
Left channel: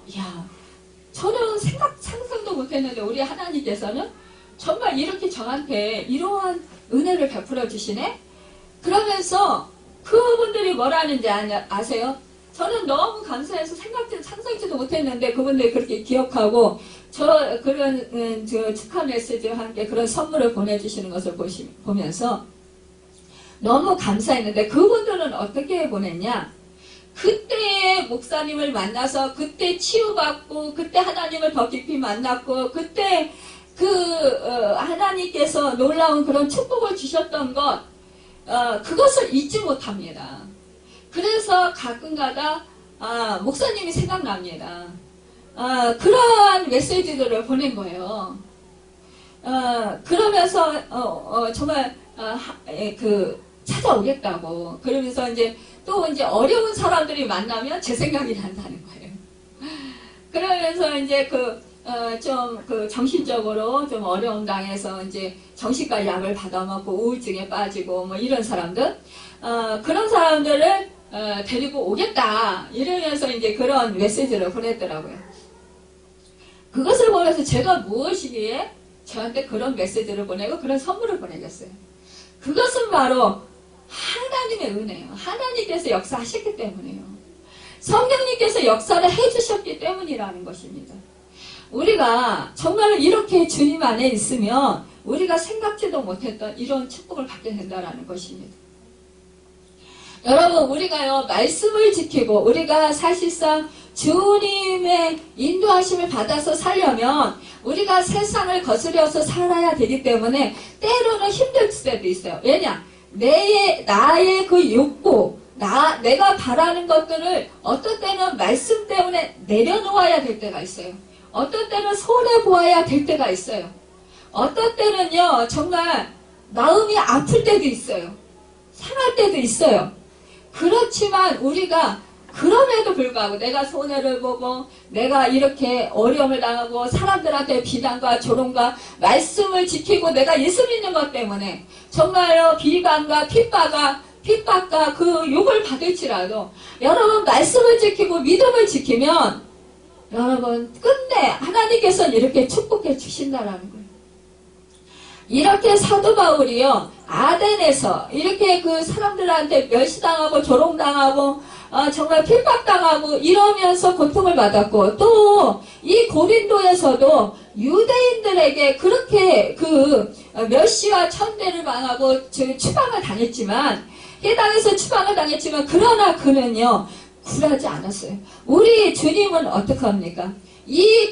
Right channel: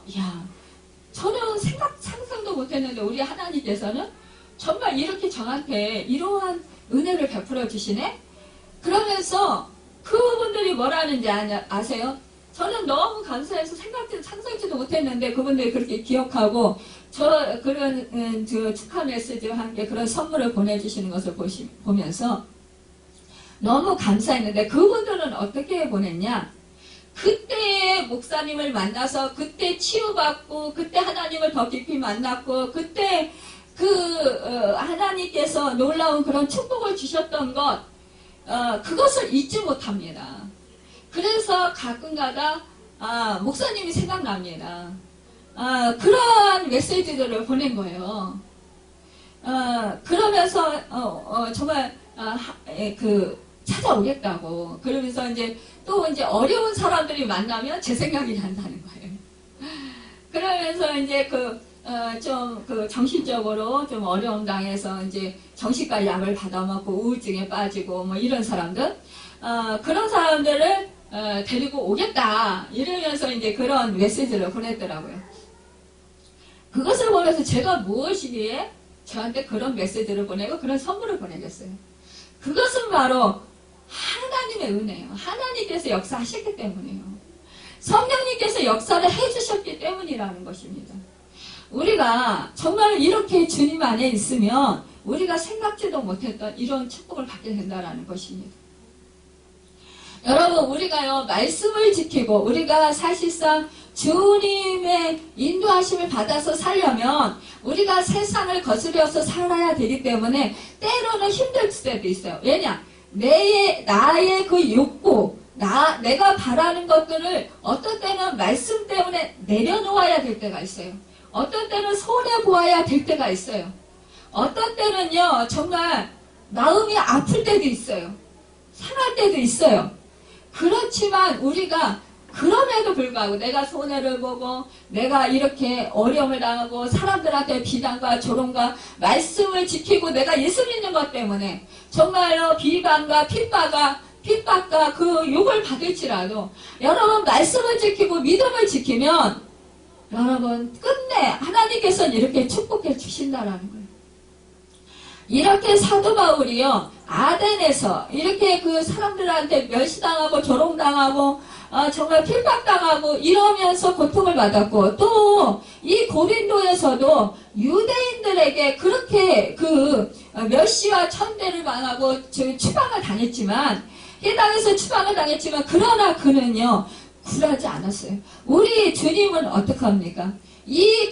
저는 상상도 못했는데 우리 하나님께서는 정말 이렇게 저한테 이러한 은혜를 베풀어 주시네? 그러면서 그분들이 뭐라는지 아세요? 저는 너무 감사해서 상상치도 못했는데 그분들이 그렇게 기억하고 그런 축하 메시지와 함께 그런 선물을 보내주시는 것을 보면서 너무 감사했는데 그분들은 어떻게 보냈냐? 그때 목사님을 만나서 그때 치유받고 그때 하나님을 더 깊이 만났고 그때 하나님께서 놀라운 그런 축복을 주셨던 그것을 잊지 못합니다. 그래서 가끔가다 목사님이 생각납니다. 그러한 메시지들을 보낸 거예요. 그러면서 정말 찾아오겠다고. 그러면서 이제 어려운 사람들이 만나면 제 생각이 난다는 거예요. 그러면서 이제 정신적으로 좀 어려움 당해서 이제 정신과 약을 받아먹고 우울증에 빠지고 이런 사람들, 그런 사람들을 데리고 오겠다 이러면서 이제 그런 메시지를 보냈더라고요. 그것을 보면서 제가 무엇이기에 저한테 그런 메시지를 보내고 그런 선물을 보내겠어요. 그것은 바로 하나님의 은혜예요. 하나님께서 역사하셨기 때문이에요. 성령님께서 역사를 해주셨기 때문이라는 것입니다. 우리가 정말 이렇게 주님 안에 있으면 우리가 생각지도 못했던 이런 축복을 받게 된다는 것입니다. 여러분, 우리가요, 말씀을 지키고 우리가 사실상 주님의 인도하심을 받아서 살려면 우리가 세상을 거스려서 살아야 되기 때문에 때로는 힘들 때도 있어요. 왜냐? 나의 그 욕구, 내가 바라는 것들을 어떤 때는 말씀 때문에 내려놓아야 될 때가 있어요. 어떤 때는 손해보아야 될 때가 있어요. 어떤 때는요, 정말 마음이 아플 때도 있어요. 상할 때도 있어요. 그렇지만 우리가 그럼에도 불구하고 내가 손해를 보고 내가 이렇게 어려움을 당하고 사람들한테 비난과 조롱과 말씀을 지키고 내가 예수 믿는 것 때문에 정말로 비방과 핍박과 그 욕을 받을지라도 여러분 말씀을 지키고 믿음을 지키면 여러분 끝내 하나님께서는 이렇게 축복해 주신다라는 거예요. 이렇게 사도 바울이요 아덴에서 이렇게 그 사람들한테 멸시당하고 조롱당하고 정말 핍박당하고 이러면서 고통을 받았고 또 이 고린도에서도 유대인들에게 그렇게 그 멸시와 천대를 당하고 추방을 당했지만 이 땅에서 추방을 당했지만 그러나 그는요 굴하지 않았어요. 우리 주님은 어떻게 합니까?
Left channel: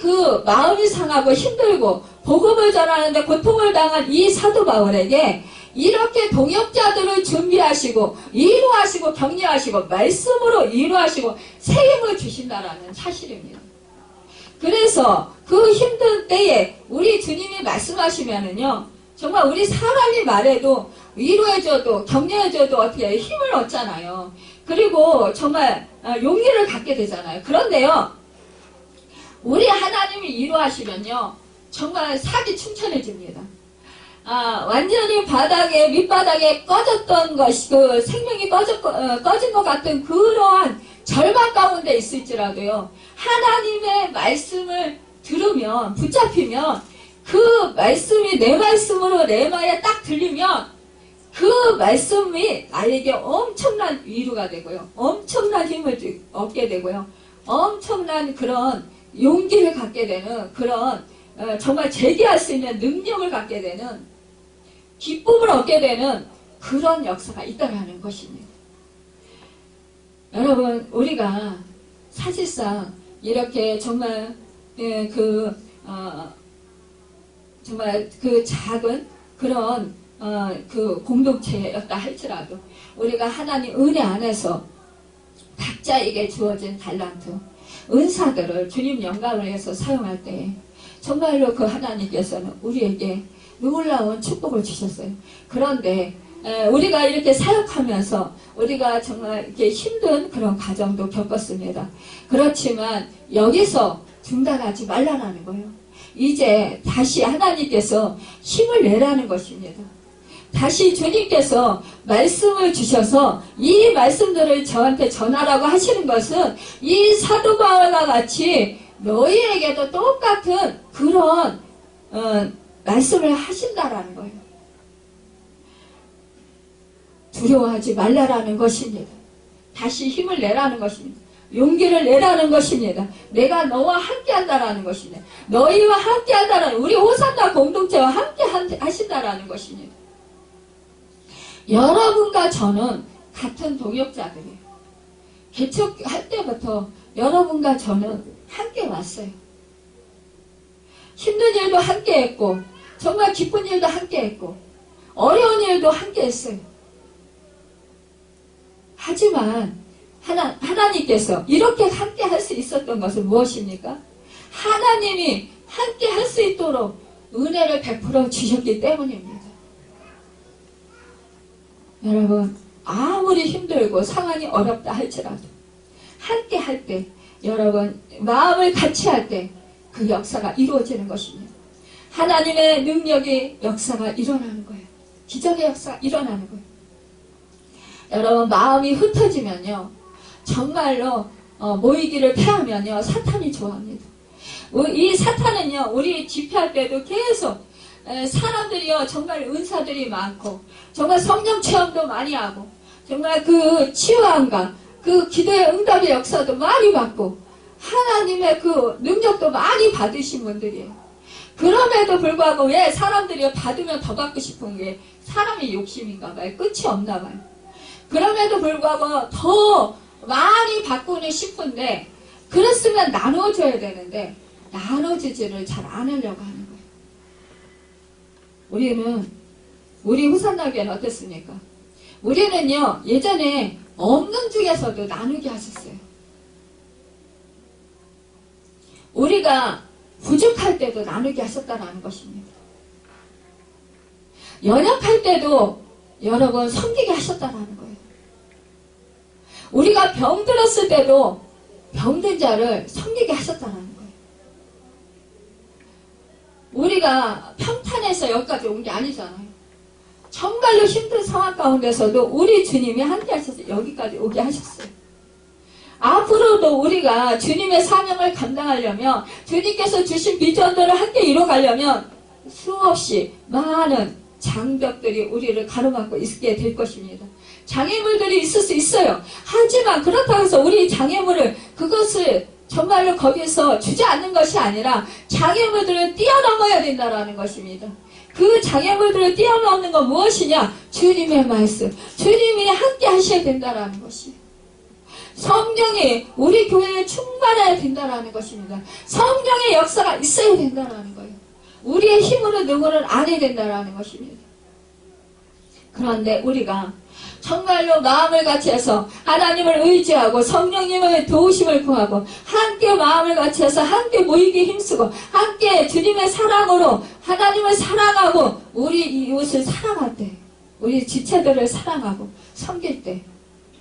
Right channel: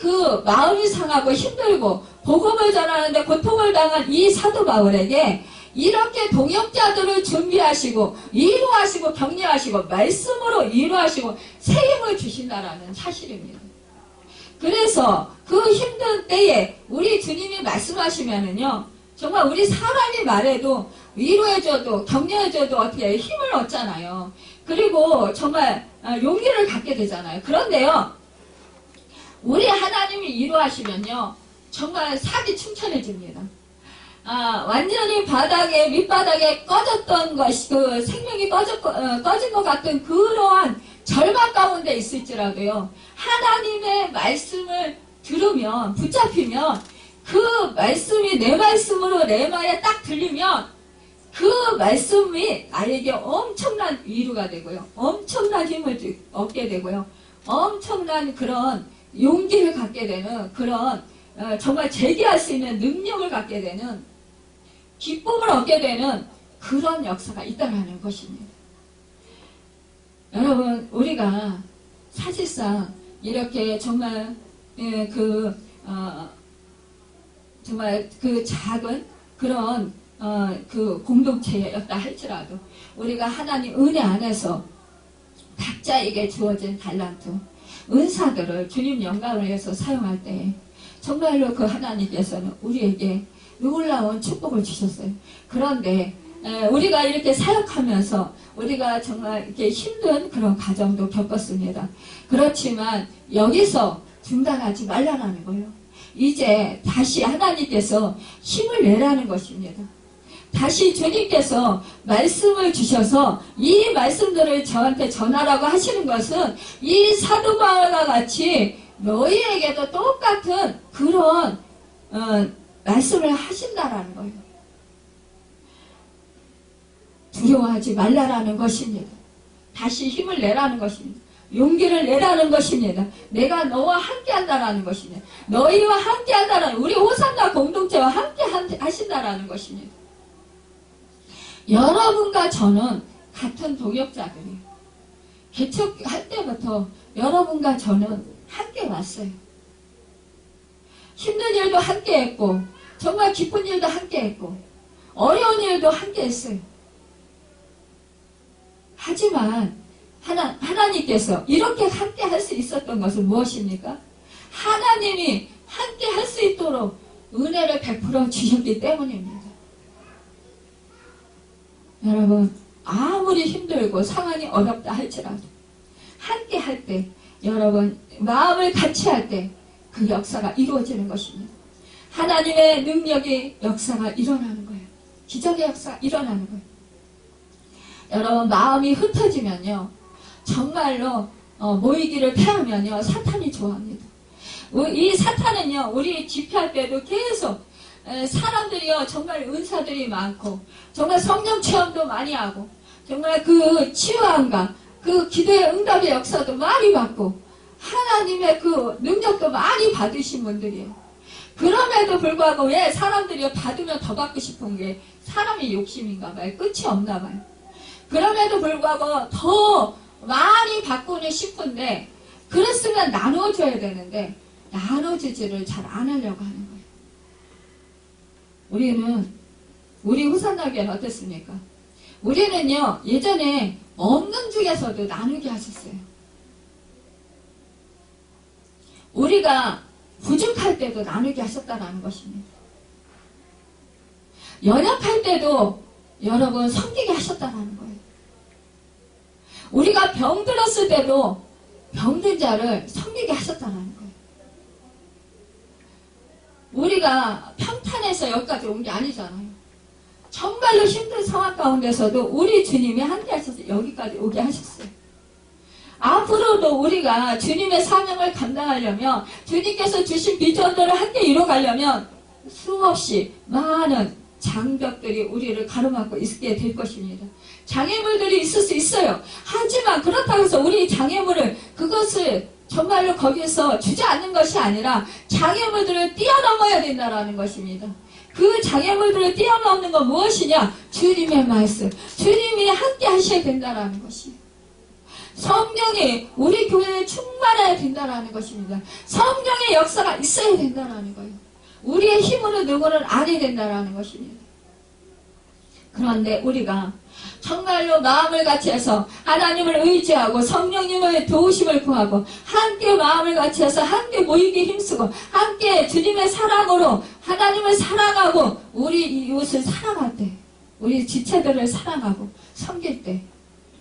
그 마음이 상하고 힘들고 복음을 전하는데 고통을 당한 이 사도 바울에게 이렇게 동역자들을 준비하시고 위로하시고 격려하시고 말씀으로 위로하시고 새 힘을 주신다라는 사실입니다. 그래서 그 힘든 때에 우리 주님이 말씀하시면은요, 정말 우리 사람이 말해도 위로해줘도 격려해줘도 어떻게 힘을 얻잖아요. 그리고 정말 용기를 갖게 되잖아요. 그런데요, 우리 하나님이 위로하시면요, 정말 살이 충천해집니다. 완전히 밑바닥에 꺼졌던 것이, 그 생명이 꺼진 것 같은 그러한 절망 가운데 있을지라도요, 하나님의 말씀을 들으면, 붙잡히면, 그 말씀이 내 말씀으로 내 말에 딱 들리면, 그 말씀이 나에게 엄청난 위로가 되고요, 엄청난 힘을 얻게 되고요, 엄청난 그런 용기를 갖게 되는 그런 정말 제기할 수 있는 능력을 갖게 되는 기쁨을 얻게 되는 그런 역사가 있다는 것입니다. 여러분, 우리가 사실상 이렇게 정말 정말 그 작은 그런 그 공동체였다 할지라도 우리가 하나님 은혜 안에서 각자에게 주어진 달란트, 은사들을 주님 영광을 위해서 사용할 때 정말로 그 하나님께서는 우리에게 놀라운 축복을 주셨어요. 그런데 우리가 이렇게 사역하면서 우리가 정말 이렇게 힘든 그런 과정도 겪었습니다. 그렇지만 여기서 중단하지 말라는 거예요. 이제 다시 하나님께서 힘을 내라는 것입니다. 다시 주님께서 말씀을 주셔서 이 말씀들을 저한테 전하라고 하시는 것은 이 사도 바울과 같이 너희에게도 똑같은 그런 말씀을 하신다라는 거예요. 두려워하지 말라라는 것입니다. 다시 힘을 내라는 것입니다. 용기를 내라는 것입니다. 내가 너와 함께 한다라는 것입니다. 너희와 함께 한다라는, 우리 호산나 공동체와 함께 하신다라는 것입니다. 여러분과 저는 같은 동역자들이에요. 개척할 때부터 여러분과 저는 함께 왔어요. 힘든 일도 함께 했고, 정말 기쁜 일도 함께 했고, 어려운 일도 함께 했어요. 하지만 하나님께서 이렇게 함께 할 수 있었던 것은 무엇입니까? 하나님이 함께 할 수 있도록 은혜를 베풀어 주셨기 때문입니다. 여러분, 아무리 힘들고 상황이 어렵다 할지라도 함께 할 때, 여러분 마음을 같이 할 때 그 역사가 이루어지는 것입니다. 하나님의 능력의 역사가 일어나는 거예요. 기적의 역사가 일어나는 거예요. 여러분, 마음이 흩어지면요, 정말로 모이기를 패하면요, 사탄이 좋아합니다. 이 사탄은요, 우리 집회할 때도 계속 사람들이요, 정말 은사들이 많고, 정말 성령 체험도 많이 하고, 정말 그 치유함과 그 기도의 응답의 역사도 많이 받고, 하나님의 그 능력도 많이 받으신 분들이에요. 그럼에도 불구하고 왜 사람들이 받으면 더 받고 싶은 게 사람의 욕심인가 봐요. 끝이 없나 봐요. 그럼에도 불구하고 더 많이 받고는 싶은데, 그랬으면 나눠줘야 되는데 나눠주지를 잘 안 하려고 하는 거예요. 우리 후산나교회는 어땠습니까? 우리는요, 예전에 없는 중에서도 나누게 하셨어요. 우리가 부족할 때도 나누게 하셨다는 것입니다. 연약할 때도 여러분 섬기게 하셨다는 거예요. 우리가 병들었을 때도 병든 자를 섬기게 하셨다는 거예요. 우리가 평탄에서 여기까지 온 게 아니잖아요. 정말로 힘든 상황 가운데서도 우리 주님이 함께 하셔서 여기까지 오게 하셨어요. 앞으로도 우리가 주님의 사명을 감당하려면, 주님께서 주신 비전들을 함께 이뤄가려면 수없이 많은 장벽들이 우리를 가로막고 있게 될 것입니다. 장애물들이 있을 수 있어요. 하지만 그렇다고 해서 우리 장애물을, 그것을 정말로 거기서 주지 않는 것이 아니라 장애물들을 뛰어넘어야 된다는 것입니다. 그 장애물들을 뛰어넘는 건 무엇이냐? 주님의 말씀, 주님이 함께 하셔야 된다는 것이에요. 성령이 우리 교회에 충만해야 된다는 것입니다. 성령의 역사가 있어야 된다는 거예요. 우리의 힘으로 누구는 안 해야 된다는 것입니다. 그런데 우리가 정말로 마음을 같이 해서 하나님을 의지하고 성령님의 도우심을 구하고 함께 마음을 같이 해서 함께 모이기 힘쓰고 함께 주님의 사랑으로 하나님을 사랑하고 우리 이웃을 사랑할 때, 우리 지체들을 사랑하고 섬길 때,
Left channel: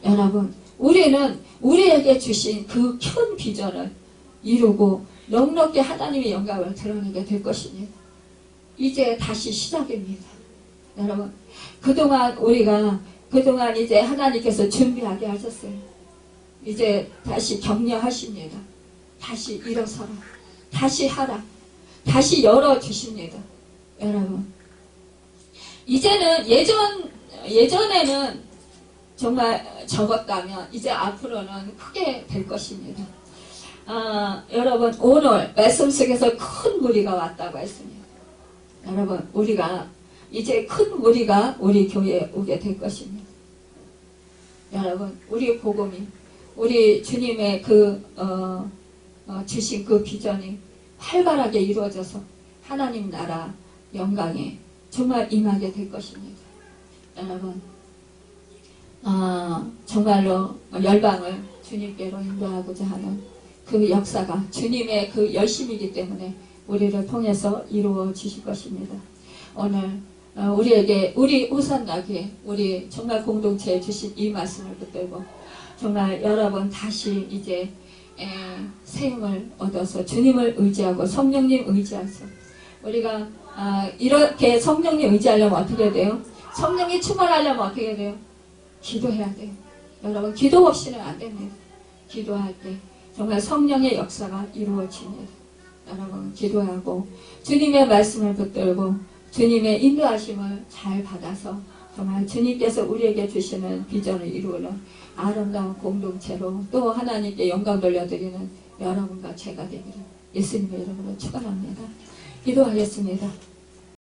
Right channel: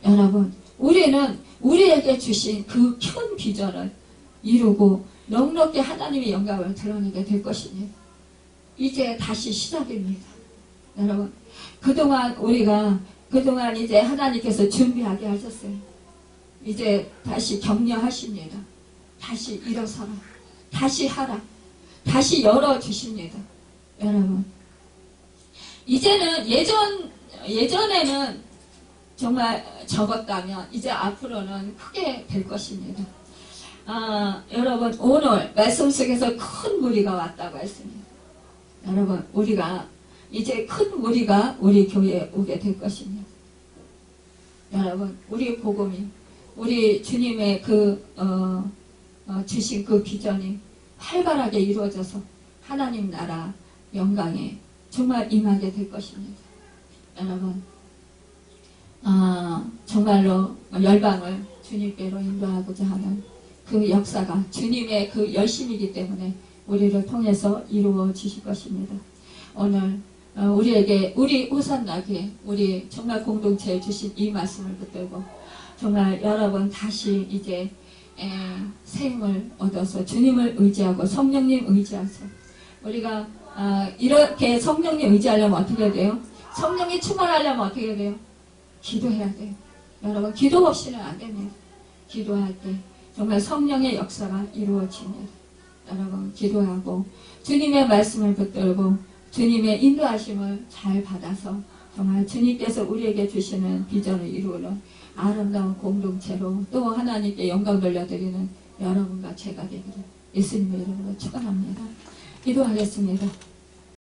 여러분 우리는 우리에게 주신 그 큰 비전을 이루고 넉넉히 하나님의 영광을 드러내게 될 것입니다. 이제 다시 시작입니다. 여러분 그동안 이제 하나님께서 준비하게 하셨어요. 이제 다시 격려하십니다. 다시 일어서라. 다시 하라. 다시 열어주십니다. 여러분 이제는 예전에는 정말 적었다면 이제 앞으로는 크게 될 것입니다. 여러분 오늘 말씀 속에서 큰 무리가 왔다고 했습니다. 여러분 우리가 이제 큰 무리가 우리 교회에 오게 될 것입니다. 여러분 우리 복음이 우리 주님의 주신 그 비전이 활발하게 이루어져서 하나님 나라 영광에 정말 임하게 될 것입니다. 여러분 정말로 열방을 주님께로 인도하고자 하는 그 역사가 주님의 그 열심이기 때문에 우리를 통해서 이루어지실 것입니다. 오늘 우리에게 우리 호산나게 우리 정말 공동체에 주신 이 말씀을 붙들고 정말 여러분 다시 이제 새 힘을 얻어서 주님을 의지하고 성령님 의지하서 우리가 이렇게 성령님 의지하려면 어떻게 돼요? 성령이 충만하려면 어떻게 돼요? 기도해야 돼요. 여러분 기도 없이는 안 됩니다. 기도할 때 정말 성령의 역사가 이루어집니다. 여러분 기도하고 주님의 말씀을 붙들고 주님의 인도하심을 잘 받아서 정말 주님께서 우리에게 주시는 비전을 이루는 아름다운 공동체로 또 하나님께 영광 돌려드리는 여러분과 제가 되기를 예수님의 이름으로 축원합니다. 기도하겠습니다.